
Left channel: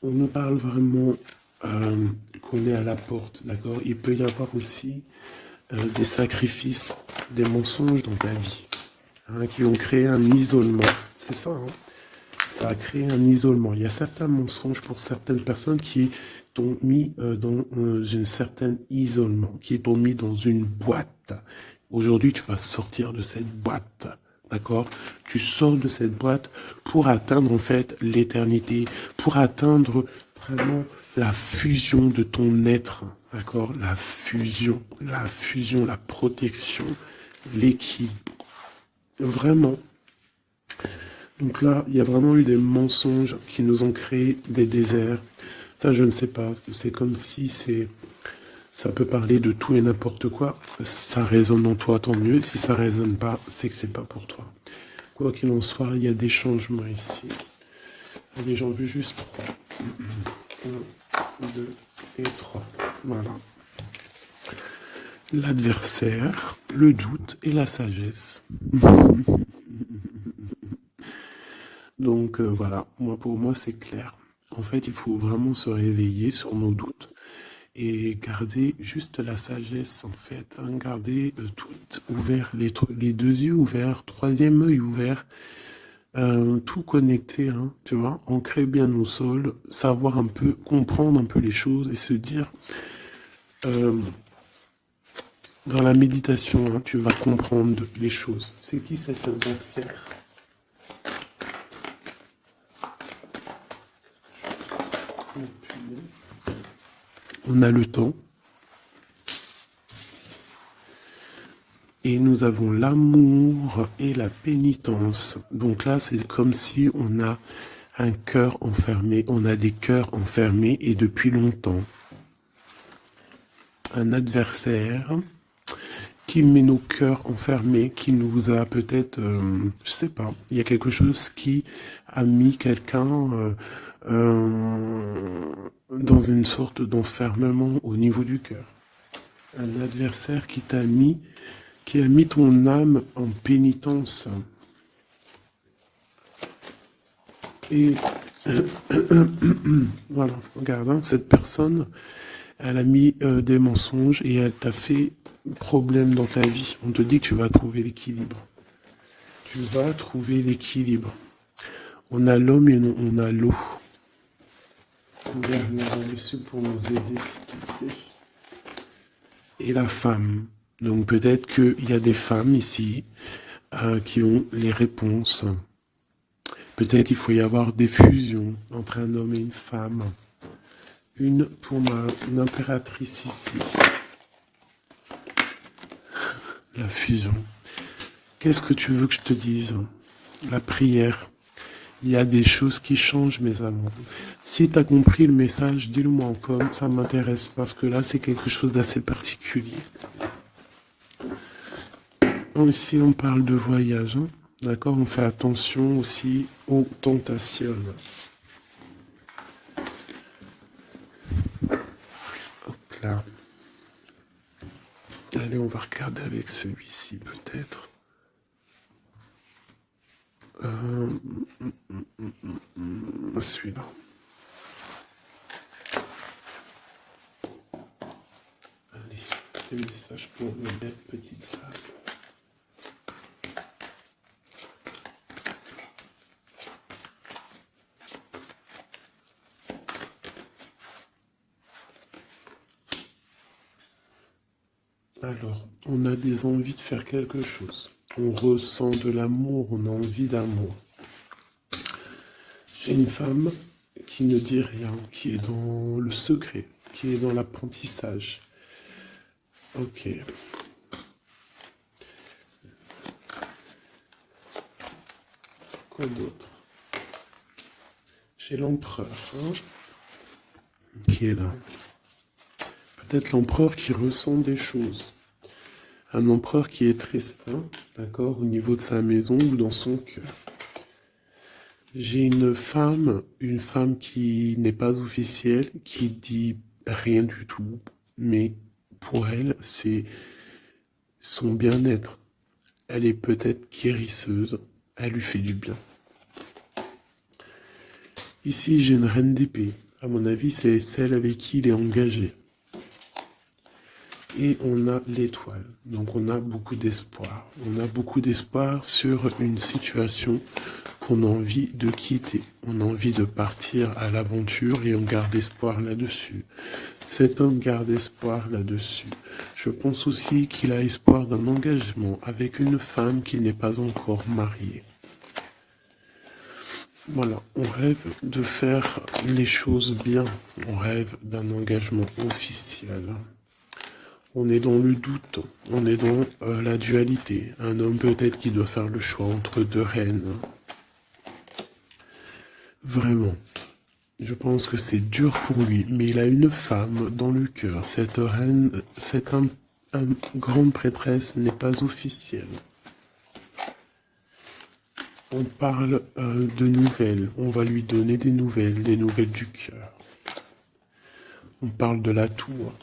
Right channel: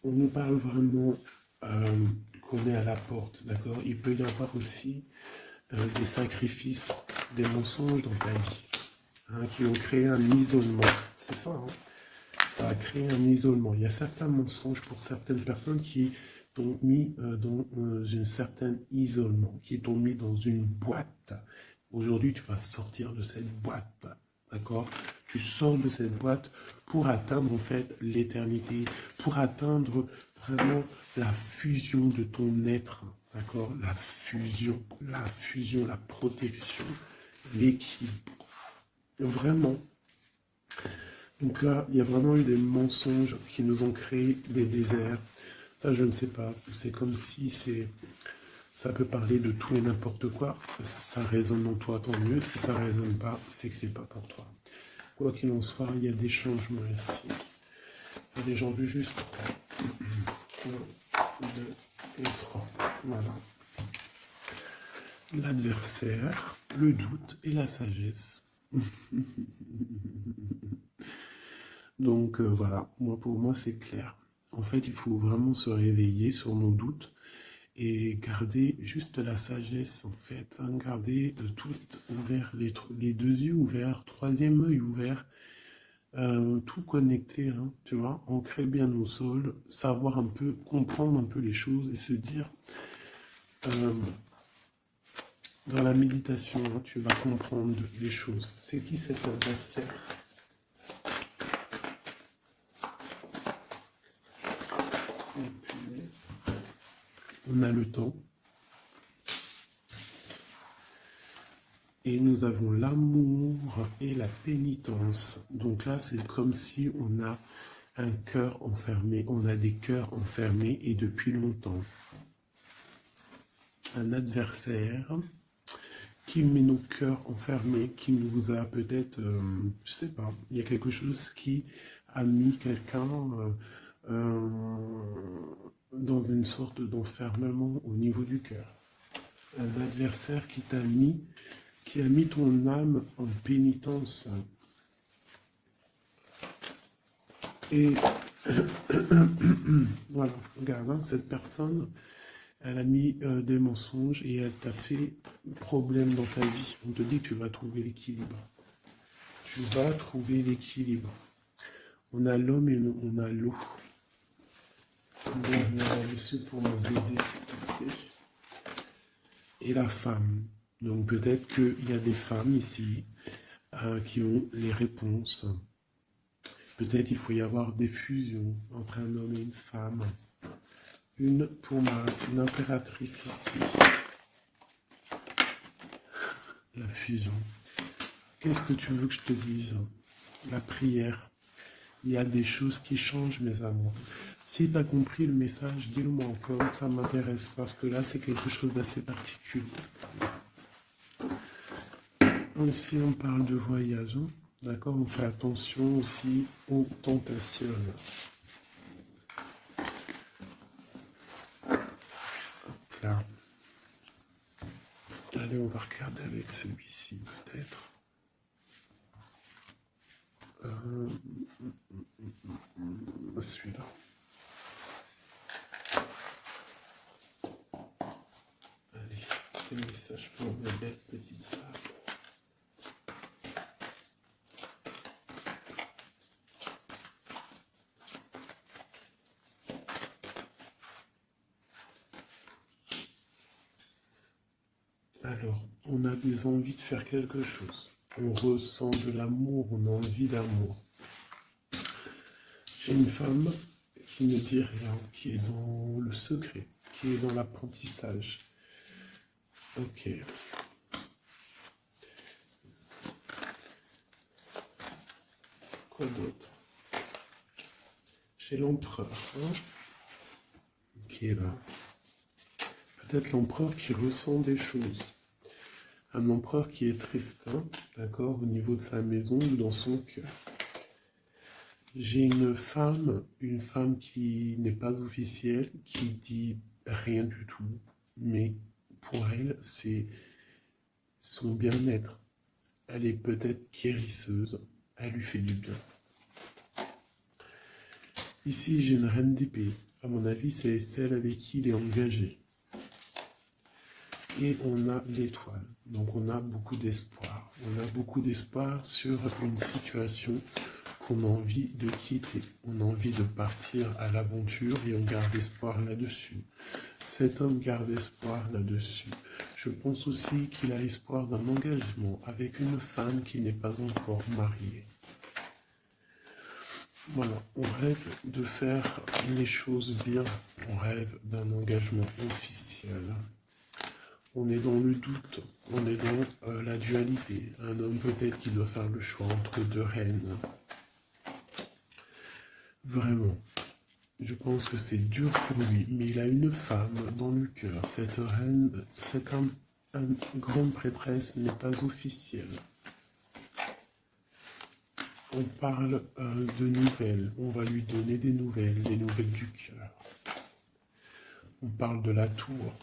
on nous parle vraiment qu'on est à la porte, d'accord? Il peut y avoir aussi des sacrifices, des mensonges dans ta vie, hein, qui ont créé un isolement. C'est ça, hein? Ça a créé un isolement. Il y a certains mensonges pour certaines personnes qui t'ont mis dans un certain isolement, qui t'ont mis dans une boîte. Aujourd'hui, tu vas sortir de cette boîte, d'accord? Tu sors de cette boîte pour atteindre en fait l'éternité, pour atteindre vraiment la fusion de ton être, d'accord? La fusion, la protection, l'équilibre. Vraiment. Donc là, il y a vraiment eu des mensonges qui nous ont créé des déserts. Ça, je ne sais pas. C'est comme si ça peut parler de tout et n'importe quoi. Ça résonne en toi, tant mieux. Si ça résonne pas, c'est que c'est pas pour toi. Quoi qu'il en soit, il y a des changements ici. Allez, j'en veux juste 3. 1, 2 et 3. Voilà. L'adversaire, le doute et la sagesse. Donc voilà, pour moi c'est clair. En fait, il faut vraiment se réveiller sur nos doutes et garder juste la sagesse en fait. Hein, garder tout ouvert, les deux yeux ouverts, troisième œil ouvert. tout connecté, hein, tu vois, ancrer bien au sol, savoir un peu, comprendre un peu les choses et se dire, euh, dans la méditation, hein, tu vas comprendre les choses. C'est qui cet adversaire? On a le temps. Et nous avons l'amour et la pénitence. Donc là, c'est comme si on a un cœur enfermé, on a des cœurs enfermés et depuis longtemps. Un adversaire qui met nos cœurs enfermés, qui nous a peut-être, je sais pas, il y a quelque chose qui a mis quelqu'un dans une sorte d'enfermement au niveau du cœur. Un adversaire qui t'a mis, qui a mis ton âme en pénitence. Et voilà, regarde, hein, cette personne, elle a mis des mensonges et elle t'a fait problème dans ta vie. On te dit que tu vas trouver l'équilibre. Tu vas trouver l'équilibre. On a l'homme et on a l'eau. Regarde le monsieur pour nous aider, s'il te plaît. Et la femme. Donc peut-être qu'il y a des femmes ici qui ont les réponses. Peut-être qu'il faut y avoir des fusions entre un homme et une femme. Une pour une impératrice ici. La fusion. Qu'est-ce que tu veux que je te dise? La prière. Il y a des choses qui changent, mes amours. Si tu as compris le message, dis-le-moi encore, ça m'intéresse, parce que là, c'est quelque chose d'assez particulier. Ici, on parle de voyage, hein. D'accord? On fait attention aussi aux tentations. Hop là. Allez, on va regarder avec celui-ci, peut-être. Celui-là. Allez, quel message pour ma belle petite salle. Alors, on a des envies de faire quelque chose. On ressent de l'amour, on a envie d'amour. J'ai une femme qui ne dit rien, qui est dans le secret, qui est dans l'apprentissage. Ok. Quoi d'autre? J'ai l'empereur, hein, qui est là. Peut-être l'empereur qui ressent des choses. Un empereur qui est triste, hein, d'accord, au niveau de sa maison ou dans son cœur. J'ai une femme qui n'est pas officielle, qui dit rien du tout, mais pour elle, c'est son bien-être. Elle est peut-être guérisseuse, elle lui fait du bien. Ici, j'ai une reine d'épée. À mon avis, c'est celle avec qui il est engagé. Et on a l'étoile. Donc on a beaucoup d'espoir. On a beaucoup d'espoir sur une situation qu'on a envie de quitter. On a envie de partir à l'aventure et on garde espoir là-dessus. Cet homme garde espoir là-dessus. Je pense aussi qu'il a espoir d'un engagement avec une femme qui n'est pas encore mariée. Voilà, on rêve de faire les choses bien. On rêve d'un engagement officiel. On est dans le doute, on est dans la dualité. Un homme peut-être qui doit faire le choix entre deux reines. Vraiment, je pense que c'est dur pour lui, mais il a une femme dans le cœur. Cette reine, cette grande prêtresse n'est pas officielle. On parle de nouvelles, on va lui donner des nouvelles du cœur. On parle de la tour.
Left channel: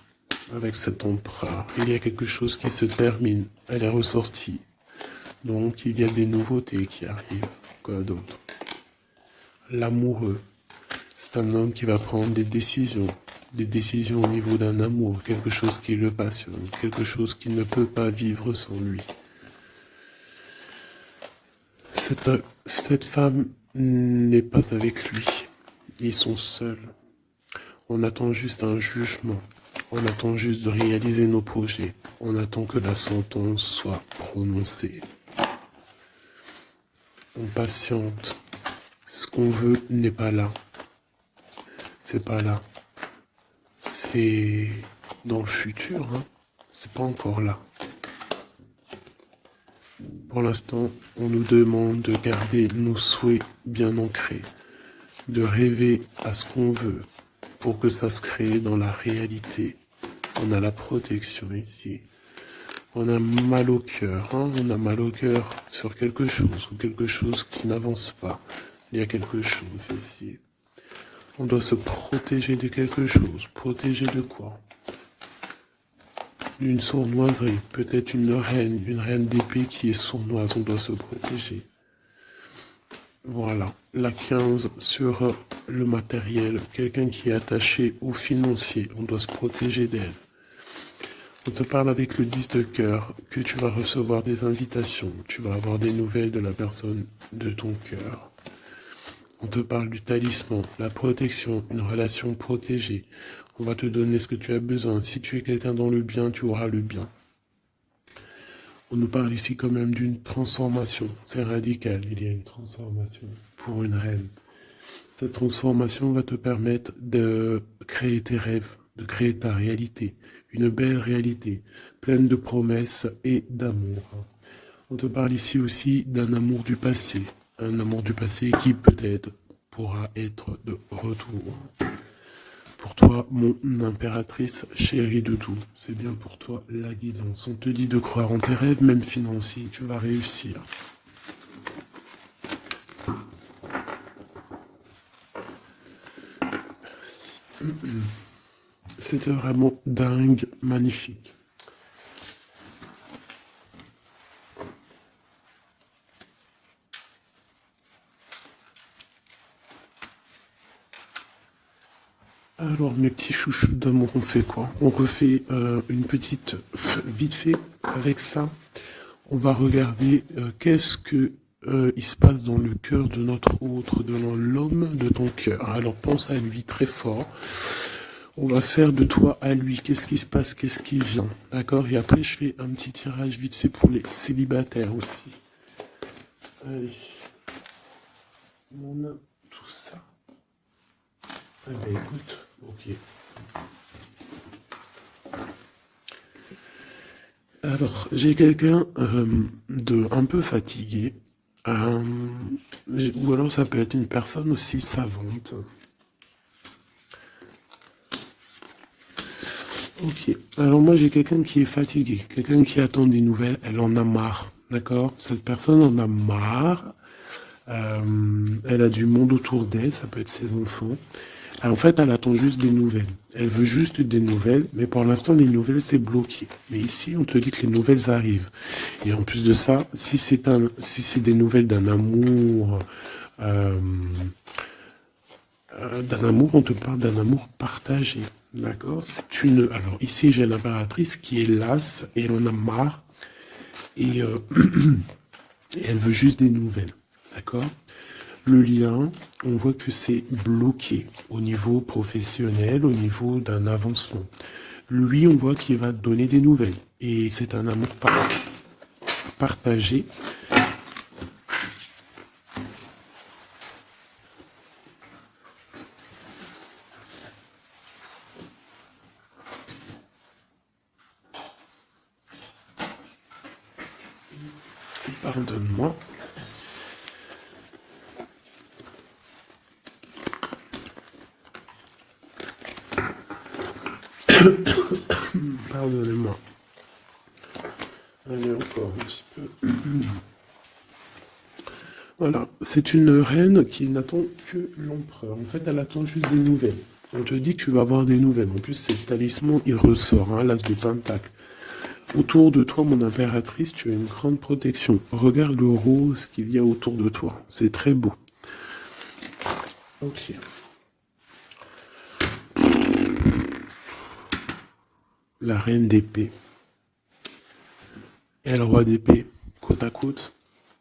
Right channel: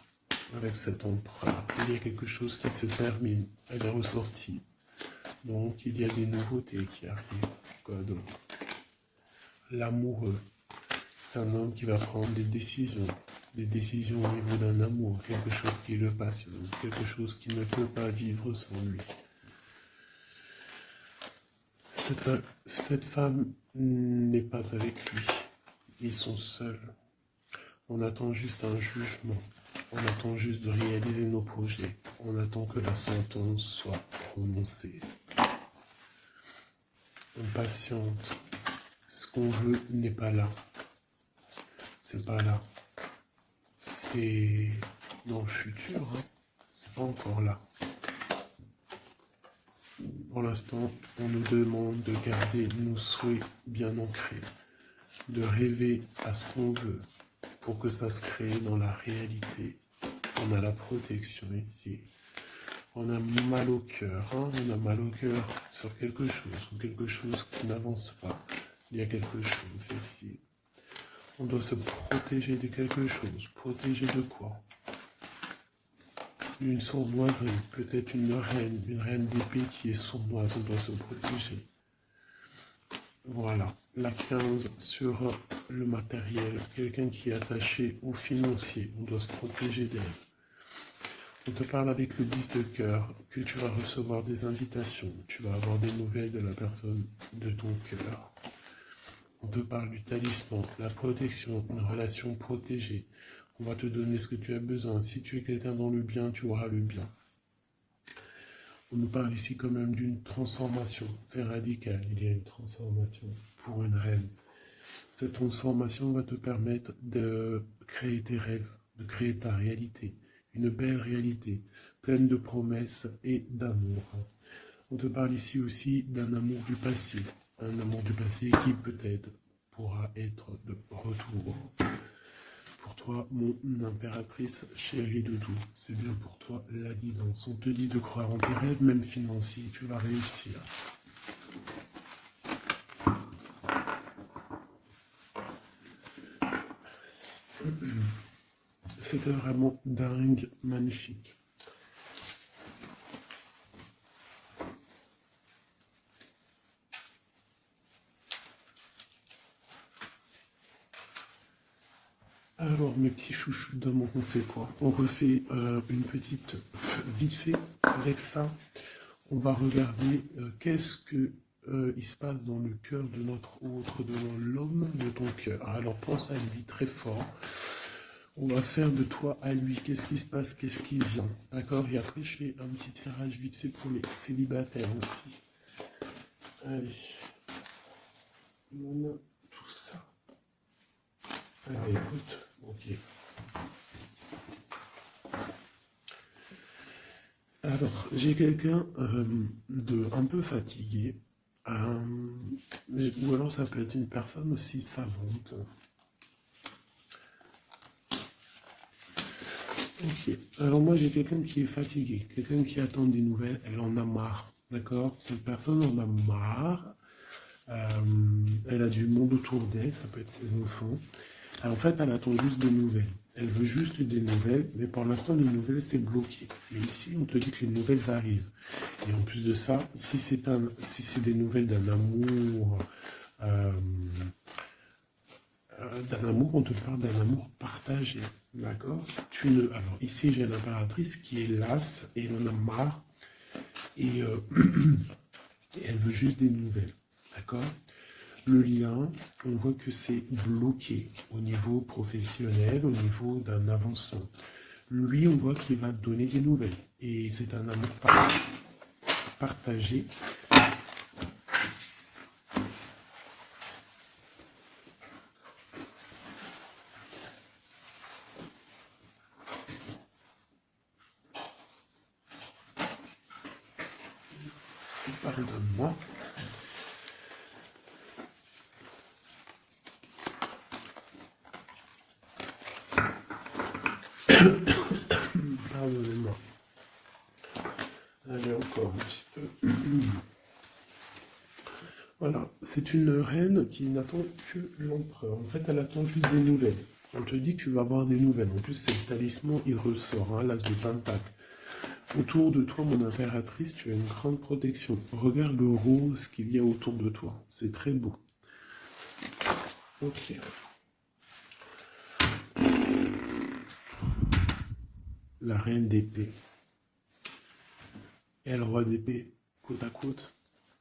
Avec cet empereur, il y a quelque chose qui se termine, elle est ressortie. Donc il y a des nouveautés qui arrivent. Quoi d'autre? L'amoureux, c'est un homme qui va prendre des décisions au niveau d'un amour, quelque chose qui le passionne, quelque chose qu'il ne peut pas vivre sans lui. cette femme n'est pas avec lui. Ils sont seuls. On attend juste un jugement. On attend juste de réaliser nos projets. On attend que la sentence soit prononcée. On patiente. Ce qu'on veut n'est pas là. C'est pas là. C'est dans le futur, hein. C'est pas encore là. Pour l'instant, on nous demande de garder nos souhaits bien ancrés, de rêver à ce qu'on veut pour que ça se crée dans la réalité. On a la protection ici. On a mal au cœur, hein. On a mal au cœur sur quelque chose ou quelque chose qui n'avance pas. Il y a quelque chose ici. On doit se protéger de quelque chose. Protéger de quoi? Une sournoiserie, peut-être une reine d'épée qui est sournoise, on doit se protéger. Voilà, la 15 sur le matériel, quelqu'un qui est attaché au financier, on doit se protéger d'elle. On te parle avec le 10 de cœur, que tu vas recevoir des invitations, tu vas avoir des nouvelles de la personne de ton cœur. On te parle du talisman, la protection, une relation protégée. On va te donner ce que tu as besoin. Si tu es quelqu'un dans le bien, tu auras le bien. On nous parle ici quand même d'une transformation. C'est radical, il y a une transformation pour une reine. Cette transformation va te permettre de créer tes rêves, de créer ta réalité. Une belle réalité, pleine de promesses et d'amour. On te parle ici aussi d'un amour du passé. Un amour du passé qui peut-être pourra être de retour. Pour toi, mon impératrice chérie de tout, c'est bien pour toi la guidance. On te dit de croire en tes rêves, même financiers, tu vas réussir. C'était vraiment dingue, magnifique. Alors mes petits chouchous d'amour, on fait quoi? On refait une petite vite fait avec ça. On va regarder qu'est-ce que il se passe dans le cœur de notre autre, dans l'homme de ton cœur. Alors pense à lui très fort. On va faire de toi à lui. Qu'est-ce qui se passe? Qu'est-ce qui vient? D'accord? Et après je fais un petit tirage vite fait pour les célibataires aussi. Allez. On a tout ça. Allez, écoute. Ok. Alors, j'ai quelqu'un de un peu fatigué, ou alors ça peut être une personne aussi savante. Ok, alors moi j'ai quelqu'un qui est fatigué, quelqu'un qui attend des nouvelles, elle en a marre, d'accord? Cette personne en a marre, elle a du monde autour d'elle, ça peut être ses enfants. En fait, elle attend juste des nouvelles. Elle veut juste des nouvelles, mais pour l'instant, les nouvelles, c'est bloqué. Mais ici, on te dit que les nouvelles arrivent. Et en plus de ça, si c'est des nouvelles euh, d'un amour, on te parle d'un amour partagé. D'accord? Alors ici, j'ai l'impératrice qui est lasse et elle en a marre. Et, et elle veut juste des nouvelles. D'accord? Le lien, on voit que c'est bloqué au niveau professionnel, au niveau d'un avancement. Lui, on voit qu'il va donner des nouvelles. Et c'est un amour partagé. Pardonne-moi. Pardonnez-moi. Allez, encore un petit peu. Voilà, c'est une reine qui n'attend que l'empereur. En fait, elle attend juste des nouvelles. On te dit que tu vas avoir des nouvelles. En plus, c'est le talisman, il ressort, hein, l'as de pentacle. Autour de toi, mon impératrice, tu as une grande protection. Regarde le rose qu'il y a autour de toi. C'est très beau. Ok. La reine d'épée et le roi d'épée, côte à côte.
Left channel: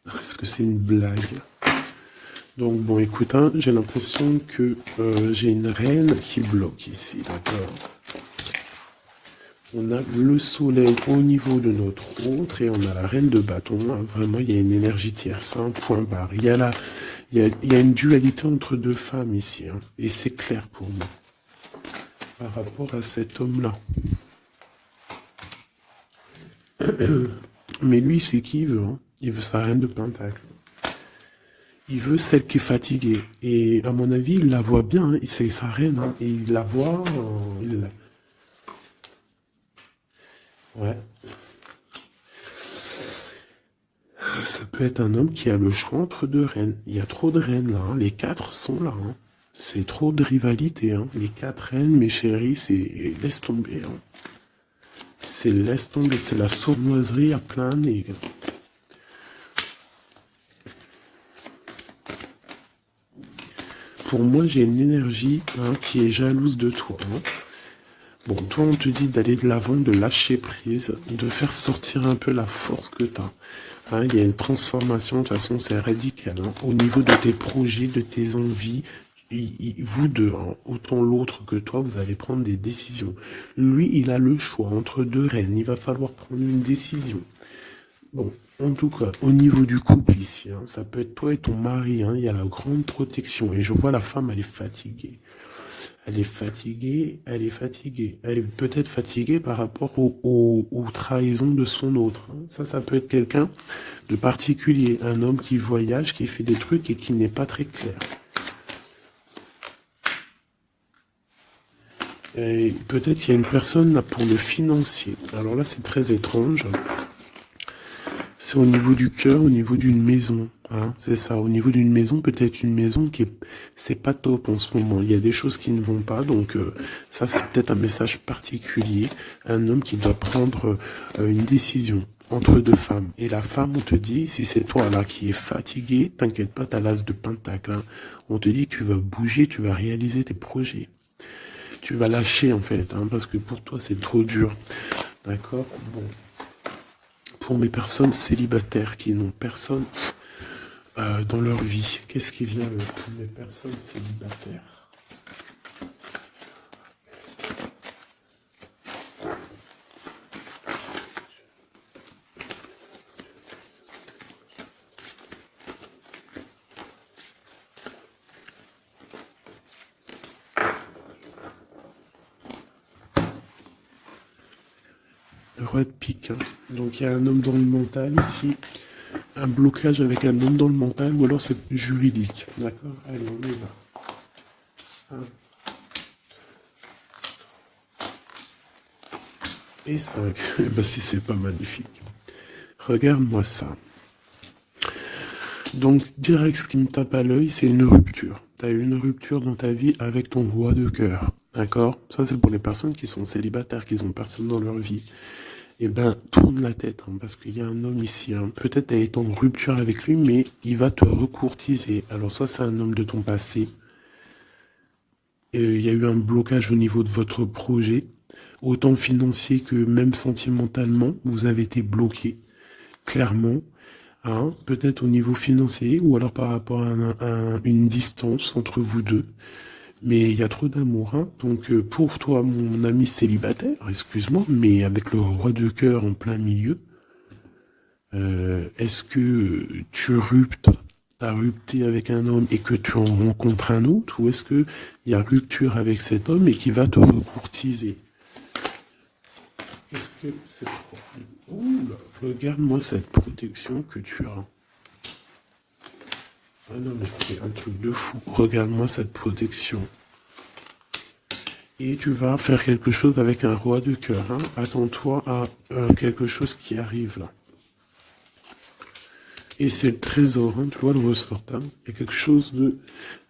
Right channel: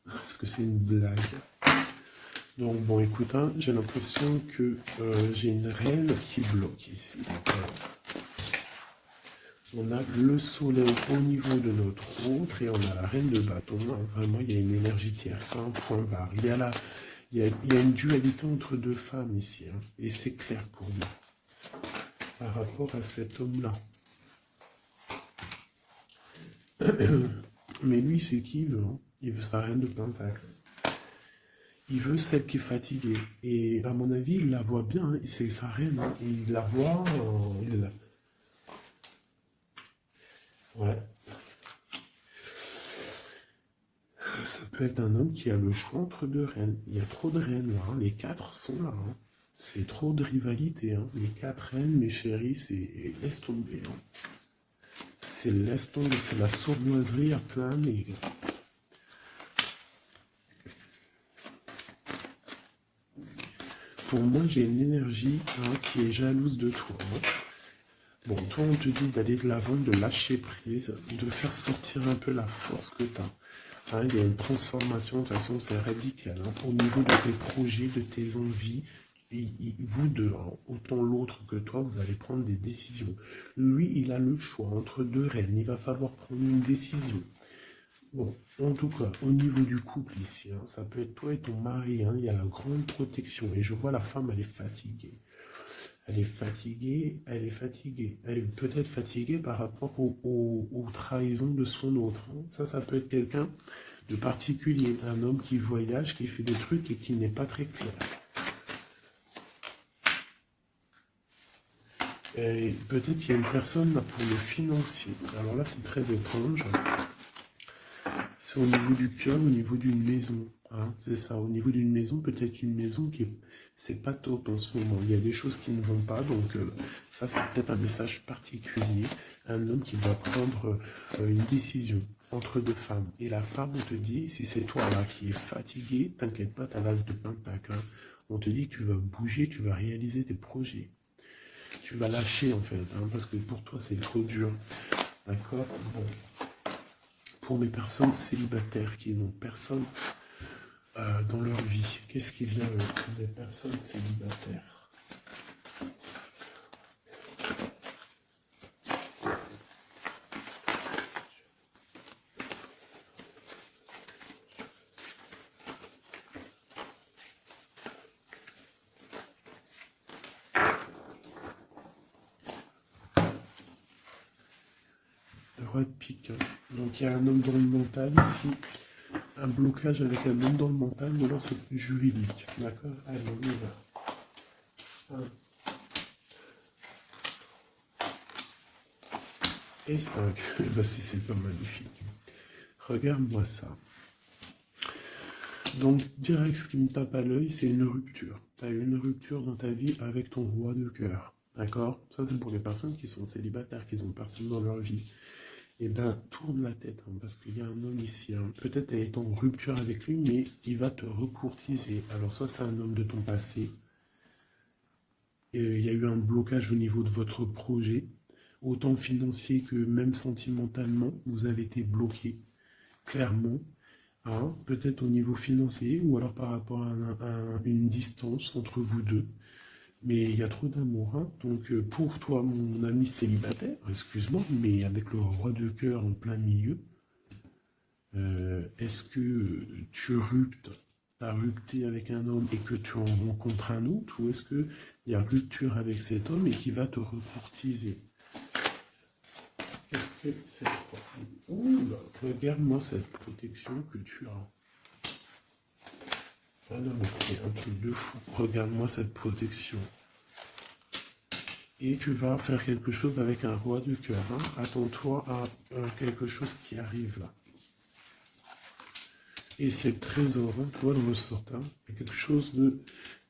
Est-ce que c'est une blague? Donc bon, écoute, hein, j'ai l'impression que j'ai une reine qui bloque ici, d'accord? On a le soleil au niveau de notre autre et on a la reine de bâton. Hein. Vraiment, il y a une énergie tierce, un point barre. Il y a une dualité entre deux femmes ici. Hein, et c'est clair pour moi par rapport à cet homme-là. Mais lui, c'est qui il veut. Hein. Il veut sa reine de pentacle. Il veut celle qui est fatiguée. Et à mon avis, il la voit bien. Hein. C'est sa reine. Hein. Et il la voit. Ouais. Ça peut être un homme qui a le choix entre deux reines. Il y a trop de reines là. Hein. Les quatre sont là. Hein. C'est trop de rivalité. Hein. Les quatre reines, mes chéris, c'est laisse tomber. Hein. C'est laisse tomber. C'est la sournoiserie à plein nez. Pour moi, j'ai une énergie hein, qui est jalouse de toi. Hein. Bon, toi, on te dit d'aller de l'avant, de lâcher prise, de faire sortir un peu la force que tu as. Hein, il y a une transformation, de toute façon, c'est radical. Hein, au niveau de tes projets, de tes envies, vous deux, hein, autant l'autre que toi, vous allez prendre des décisions. Lui, il a le choix entre deux reines. Il va falloir prendre une décision. Bon, en tout cas, au niveau du couple ici, hein, ça peut être toi et ton mari, hein, il y a la grande protection. Et je vois la femme, elle est fatiguée. Elle est fatiguée, elle est fatiguée. Elle est peut-être fatiguée par rapport aux trahisons de son autre. Hein. Ça peut être quelqu'un de particulier. Un homme qui voyage, qui fait des trucs et qui n'est pas très clair. Et peut-être qu'il y a une personne là pour le financier. Alors là, c'est très étrange. C'est au niveau du cœur, au niveau d'une maison. Hein, c'est ça, au niveau d'une maison, peut-être une maison qui est... C'est pas top en ce moment. Il y a des choses qui ne vont pas. Donc ça, c'est peut-être un message particulier. Un homme qui doit prendre une décision entre deux femmes. Et la femme, on te dit, si c'est toi là qui es fatigué, t'inquiète pas, t'as l'as de pentacle. Hein. On te dit que tu vas bouger, tu vas réaliser tes projets. Tu vas lâcher en fait, hein, parce que pour toi, c'est trop dur. D'accord? Bon. Pour mes personnes célibataires qui n'ont personne dans leur vie, qu'est-ce qui vient pour mes personnes célibataires? Le roi de pique. Hein. Donc il y a un homme dans le mental ici. Un blocage avec un homme dans le mental ou alors c'est juridique. D'accord? Allez, on y va. 1 et 5. Eh ben, si c'est pas magnifique. Regarde-moi ça. Donc, direct, ce qui me tape à l'œil, c'est une rupture. Tu as eu une rupture dans ta vie avec ton roi de cœur. D'accord? Ça, c'est pour les personnes qui sont célibataires, qui n'ont personne dans leur vie. Eh ben, tourne la tête, hein, parce qu'il y a un homme ici. Hein. Peut-être tu as été en rupture avec lui, mais il va te recourtiser. Alors, soit c'est un homme de ton passé. Et il y a eu un blocage au niveau de votre projet, autant financier que même sentimentalement. Vous avez été bloqué, clairement. Hein, peut-être au niveau financier, ou alors par rapport à une distance entre vous deux. Mais il y a trop d'amour, hein. Donc pour toi, mon ami célibataire, excuse-moi, mais avec le roi de cœur en plein milieu, est-ce que tu as rupté avec un homme et que tu en rencontres un autre, ou est-ce que il y a rupture avec cet homme et qui va te recourtiser? Est-ce que c'est... Ouh là, regarde-moi cette protection que tu as. Ah non, mais c'est un truc de fou. Regarde-moi cette protection. Et tu vas faire quelque chose avec un roi de cœur. Hein. Attends-toi à quelque chose qui arrive là. Et c'est le trésor, hein, tu vois le ressort. Hein. Il y a quelque chose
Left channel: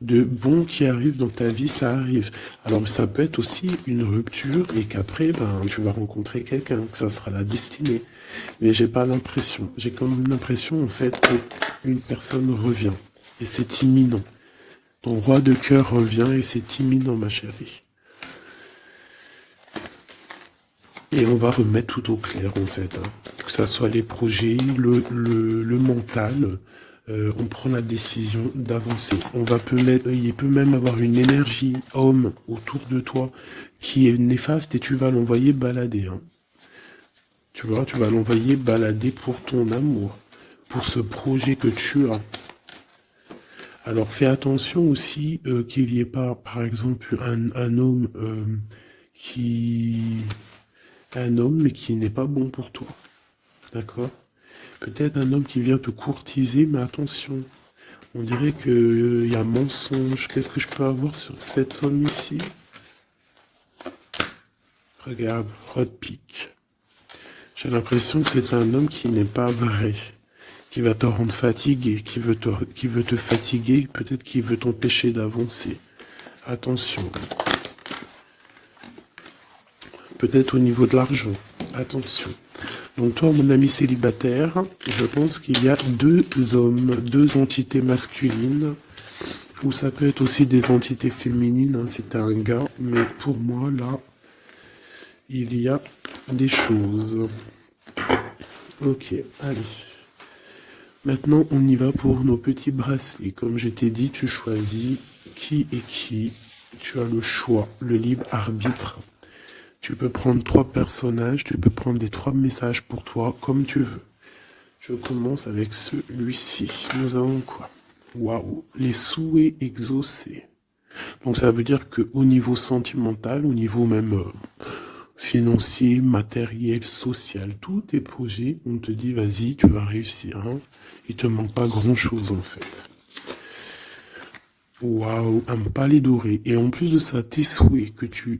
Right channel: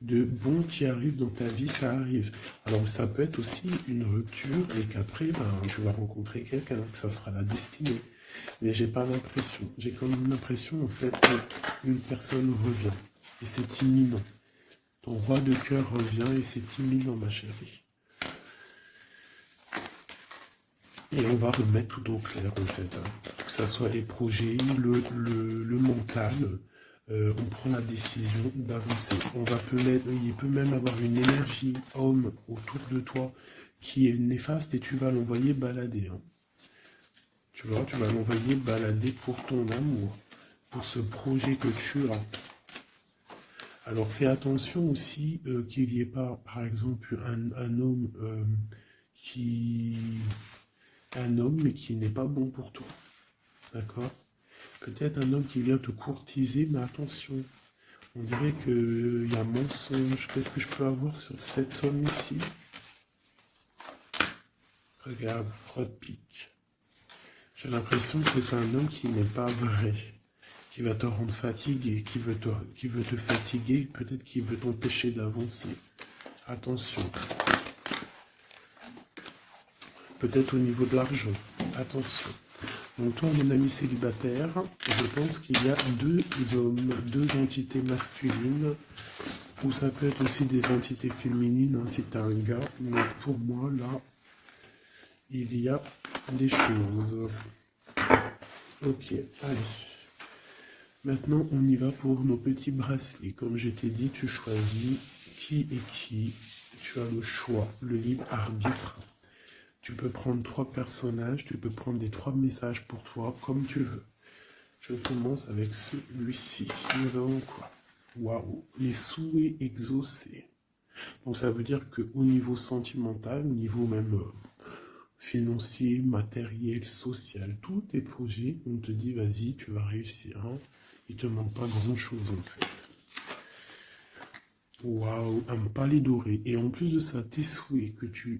de bon qui arrive dans ta vie, ça arrive. Alors ça peut être aussi une rupture et qu'après, ben, tu vas rencontrer quelqu'un, que ça sera la destinée. Mais j'ai pas l'impression. J'ai quand même l'impression en fait qu'une personne revient. Et c'est imminent. Ton roi de cœur revient et c'est imminent, ma chérie. Et on va remettre tout au clair, en fait. Hein. Que ça soit les projets, le mental, on prend la décision d'avancer. Il peut même avoir une énergie homme autour de toi qui est néfaste et tu vas l'envoyer balader. Hein. Tu vois, tu vas l'envoyer balader pour ton amour, pour ce projet que tu as. Alors fais attention aussi qu'il n'y ait pas, par exemple, un homme qui... Un homme mais qui n'est pas bon pour toi. D'accord? Peut-être un homme qui vient te courtiser, mais attention. On dirait qu'il y a un mensonge. Qu'est-ce que je peux avoir sur cet homme ici? Regarde, Rod Pick. J'ai l'impression que c'est un homme qui n'est pas vrai, qui va te rendre fatigué, qui veut te fatiguer, peut-être qu'il veut t'empêcher d'avancer. Attention. Peut-être au niveau de l'argent. Attention. Donc toi, mon ami célibataire, je pense qu'il y a deux hommes, deux entités masculines, ou ça peut être aussi des entités féminines, hein, si t'es un gars, mais pour moi, là, il y a des choses. Ok, allez. Maintenant, on y va pour nos petits bracelets. Comme je t'ai dit, tu choisis qui est qui. Tu as le choix, le libre arbitre. Tu peux prendre 3 personnages, tu peux prendre les 3 messages pour toi, comme tu veux. Je commence avec celui-ci. Nous avons quoi? Waouh, les souhaits exaucés. Donc ça veut dire qu'au niveau sentimental, au niveau même financier, matériel, social, tous tes projets, on te dit vas-y, tu vas réussir. Hein. Il te manque pas grand-chose en fait. Waouh, un palais doré. Et en plus de ça, tes souhaits que tu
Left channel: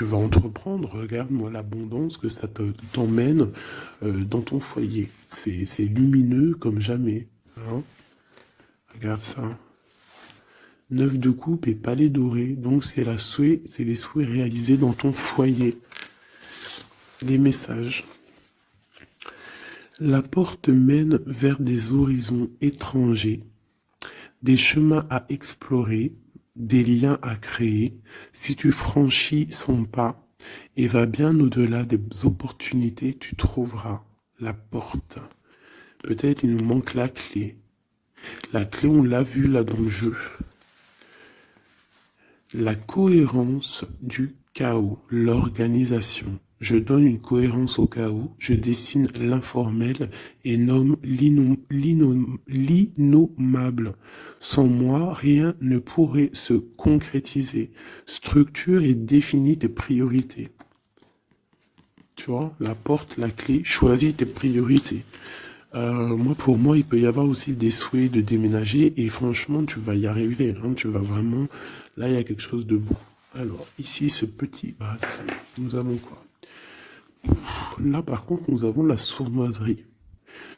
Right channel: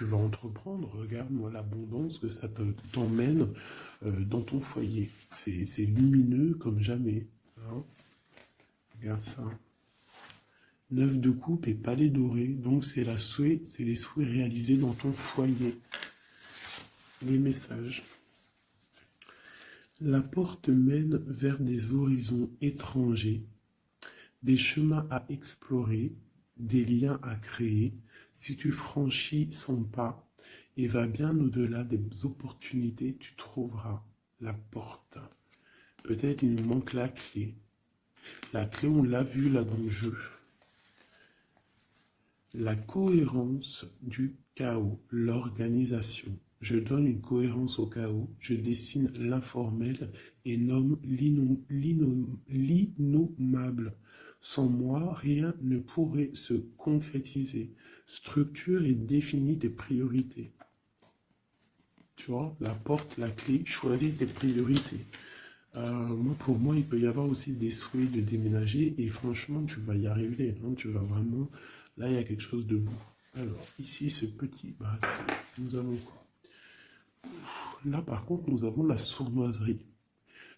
vas entreprendre, regarde-moi l'abondance que ça t'emmène dans ton foyer. C'est lumineux comme jamais. Hein. Regarde ça. 9 de coupe et palais doré. Donc c'est les souhaits réalisés dans ton foyer. Les messages. La porte mène vers des horizons étrangers, des chemins à explorer, des liens à créer. Si tu franchis son pas et vas bien au-delà des opportunités, tu trouveras la porte. Peut-être il nous manque la clé. La clé, on l'a vu là dans le jeu. La cohérence du chaos, l'organisation. Je donne une cohérence au chaos, je dessine l'informel et nomme l'innommable. Sans moi, rien ne pourrait se concrétiser. Structure et définis tes priorités. Tu vois, la porte, la clé, choisis tes priorités. Pour moi, il peut y avoir aussi des souhaits de déménager et franchement, tu vas y arriver. Hein, tu vas vraiment... Là, il y a quelque chose de beau. Alors, ici, ce petit bracelet, nous avons quoi? Là, par contre, nous avons la sournoiserie.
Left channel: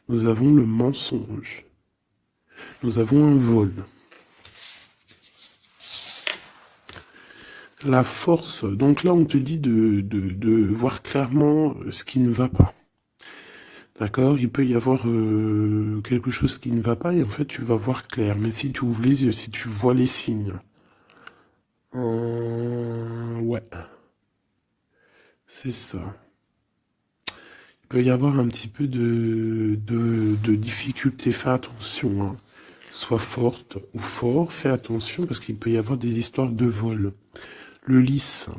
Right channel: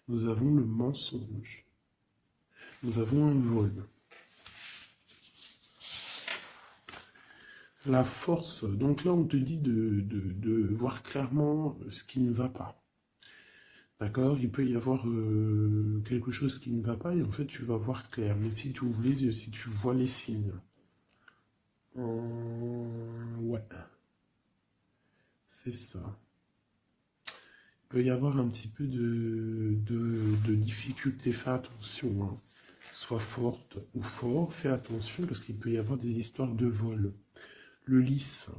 Nous avons le mensonge. Nous avons un vol. La force. Donc là, on te dit de voir clairement ce qui ne va pas. D'accord? Il peut y avoir quelque chose qui ne va pas et en fait, tu vas voir clair. Mais si tu ouvres les yeux, si tu vois les signes. Ouais. C'est ça. Il peut y avoir un petit peu de difficulté. Fais attention. Hein. Sois forte ou fort. Fais attention parce qu'il peut y avoir des histoires de vol. Le lys.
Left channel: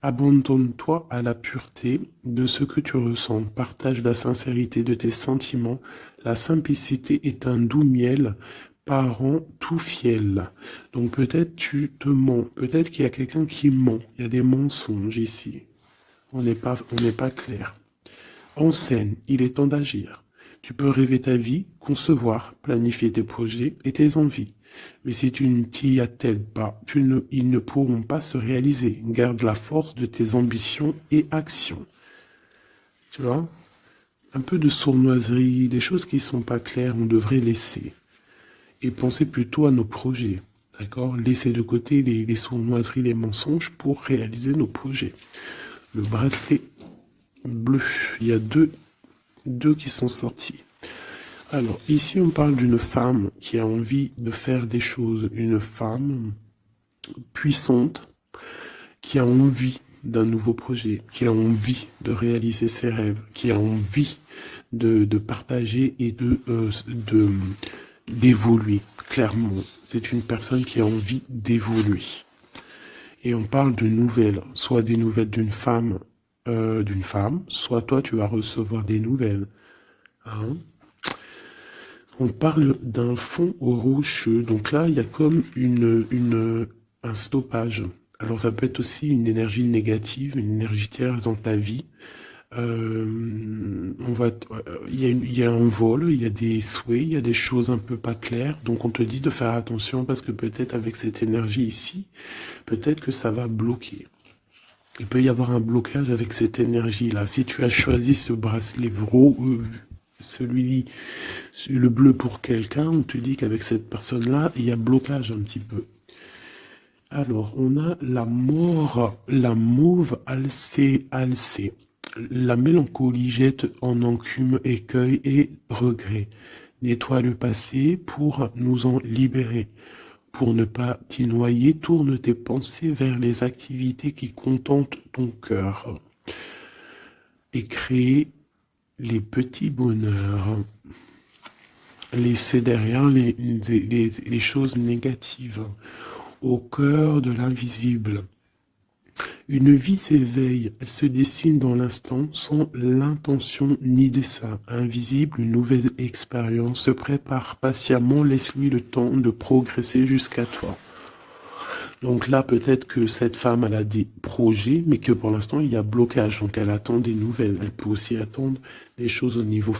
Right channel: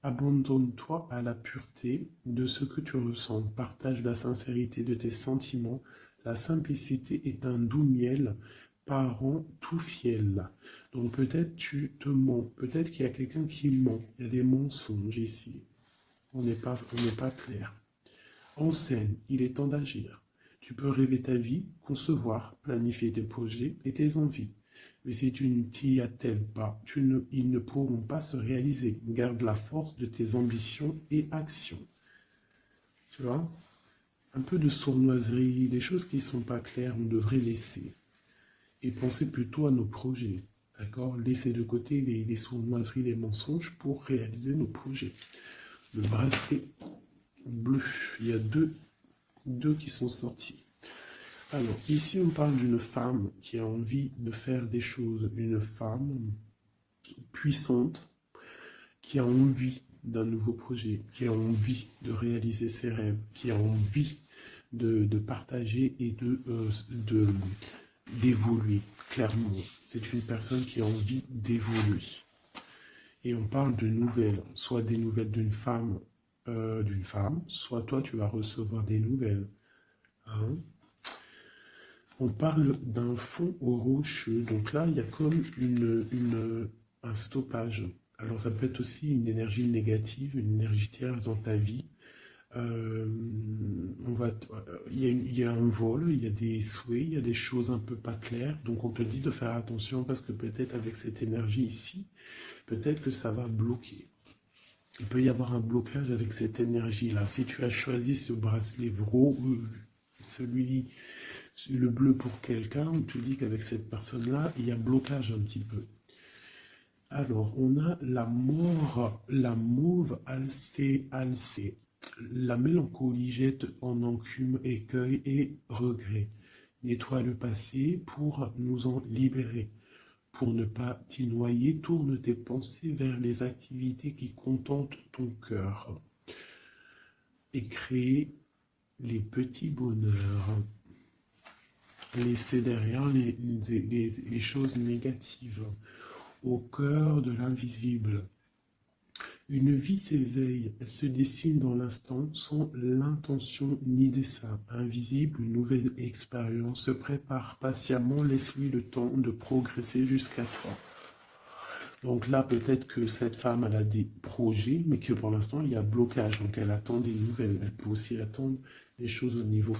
Abandonne-toi à la pureté de ce que tu ressens. Partage la sincérité de tes sentiments. La simplicité est un doux miel, parent tout fiel. Donc peut-être tu te mens. Peut-être qu'il y a quelqu'un qui ment. Il y a des mensonges ici. On n'est pas clair. En scène, il est temps d'agir. Tu peux rêver ta vie, concevoir, planifier tes projets et tes envies. Mais si tu ne t'y attelles pas, ils ne pourront pas se réaliser. Garde la force de tes ambitions et actions. Tu vois? Un peu de sournoiserie, des choses qui ne sont pas claires, on devrait laisser. Et penser plutôt à nos projets. D'accord? Laisser de côté les sournoiseries, les mensonges pour réaliser nos projets. Le bracelet bleu, il y a deux qui sont sortis. Alors, ici, on parle d'une femme qui a envie de faire des choses. Une femme puissante qui a envie d'un nouveau projet, qui a envie de réaliser ses rêves, qui a envie de partager et d'évoluer. Clairement, c'est une personne qui a envie d'évoluer. Et on parle de nouvelles, soit des nouvelles d'une femme, soit toi tu vas recevoir des nouvelles. Hein. On parle d'un fond rocheux, donc là il y a comme un stoppage. Alors ça peut être aussi une énergie négative, une énergie tierce dans ta vie. Il y a un vol, il y a des souhaits, il y a des choses un peu pas claires. Donc on te dit de faire attention parce que peut-être avec cette énergie ici, peut-être que ça va bloquer. Il peut y avoir un blocage avec cette énergie-là. Si tu as choisi ce bracelet celui, le bleu pour quelqu'un, on te dit qu'avec cette personne-là, il y a blocage un petit peu. Alors, on a la mort, la mauve alcée. La mélancolie jette en enclume écueil et regret. Nettoie le passé pour nous en libérer. Pour ne pas t'y noyer, tourne tes pensées vers les activités qui contentent ton cœur. Et crée les petits bonheurs. Laisser derrière les choses négatives. Au cœur de l'invisible. Une vie s'éveille, elle se dessine dans l'instant sans l'intention ni dessein. Invisible, une nouvelle expérience se prépare patiemment, laisse-lui le temps de progresser jusqu'à toi. Donc là, peut-être que cette femme, elle a des projets, mais que pour l'instant, il y a blocage. Donc elle attend des nouvelles. Elle peut aussi attendre des choses au niveau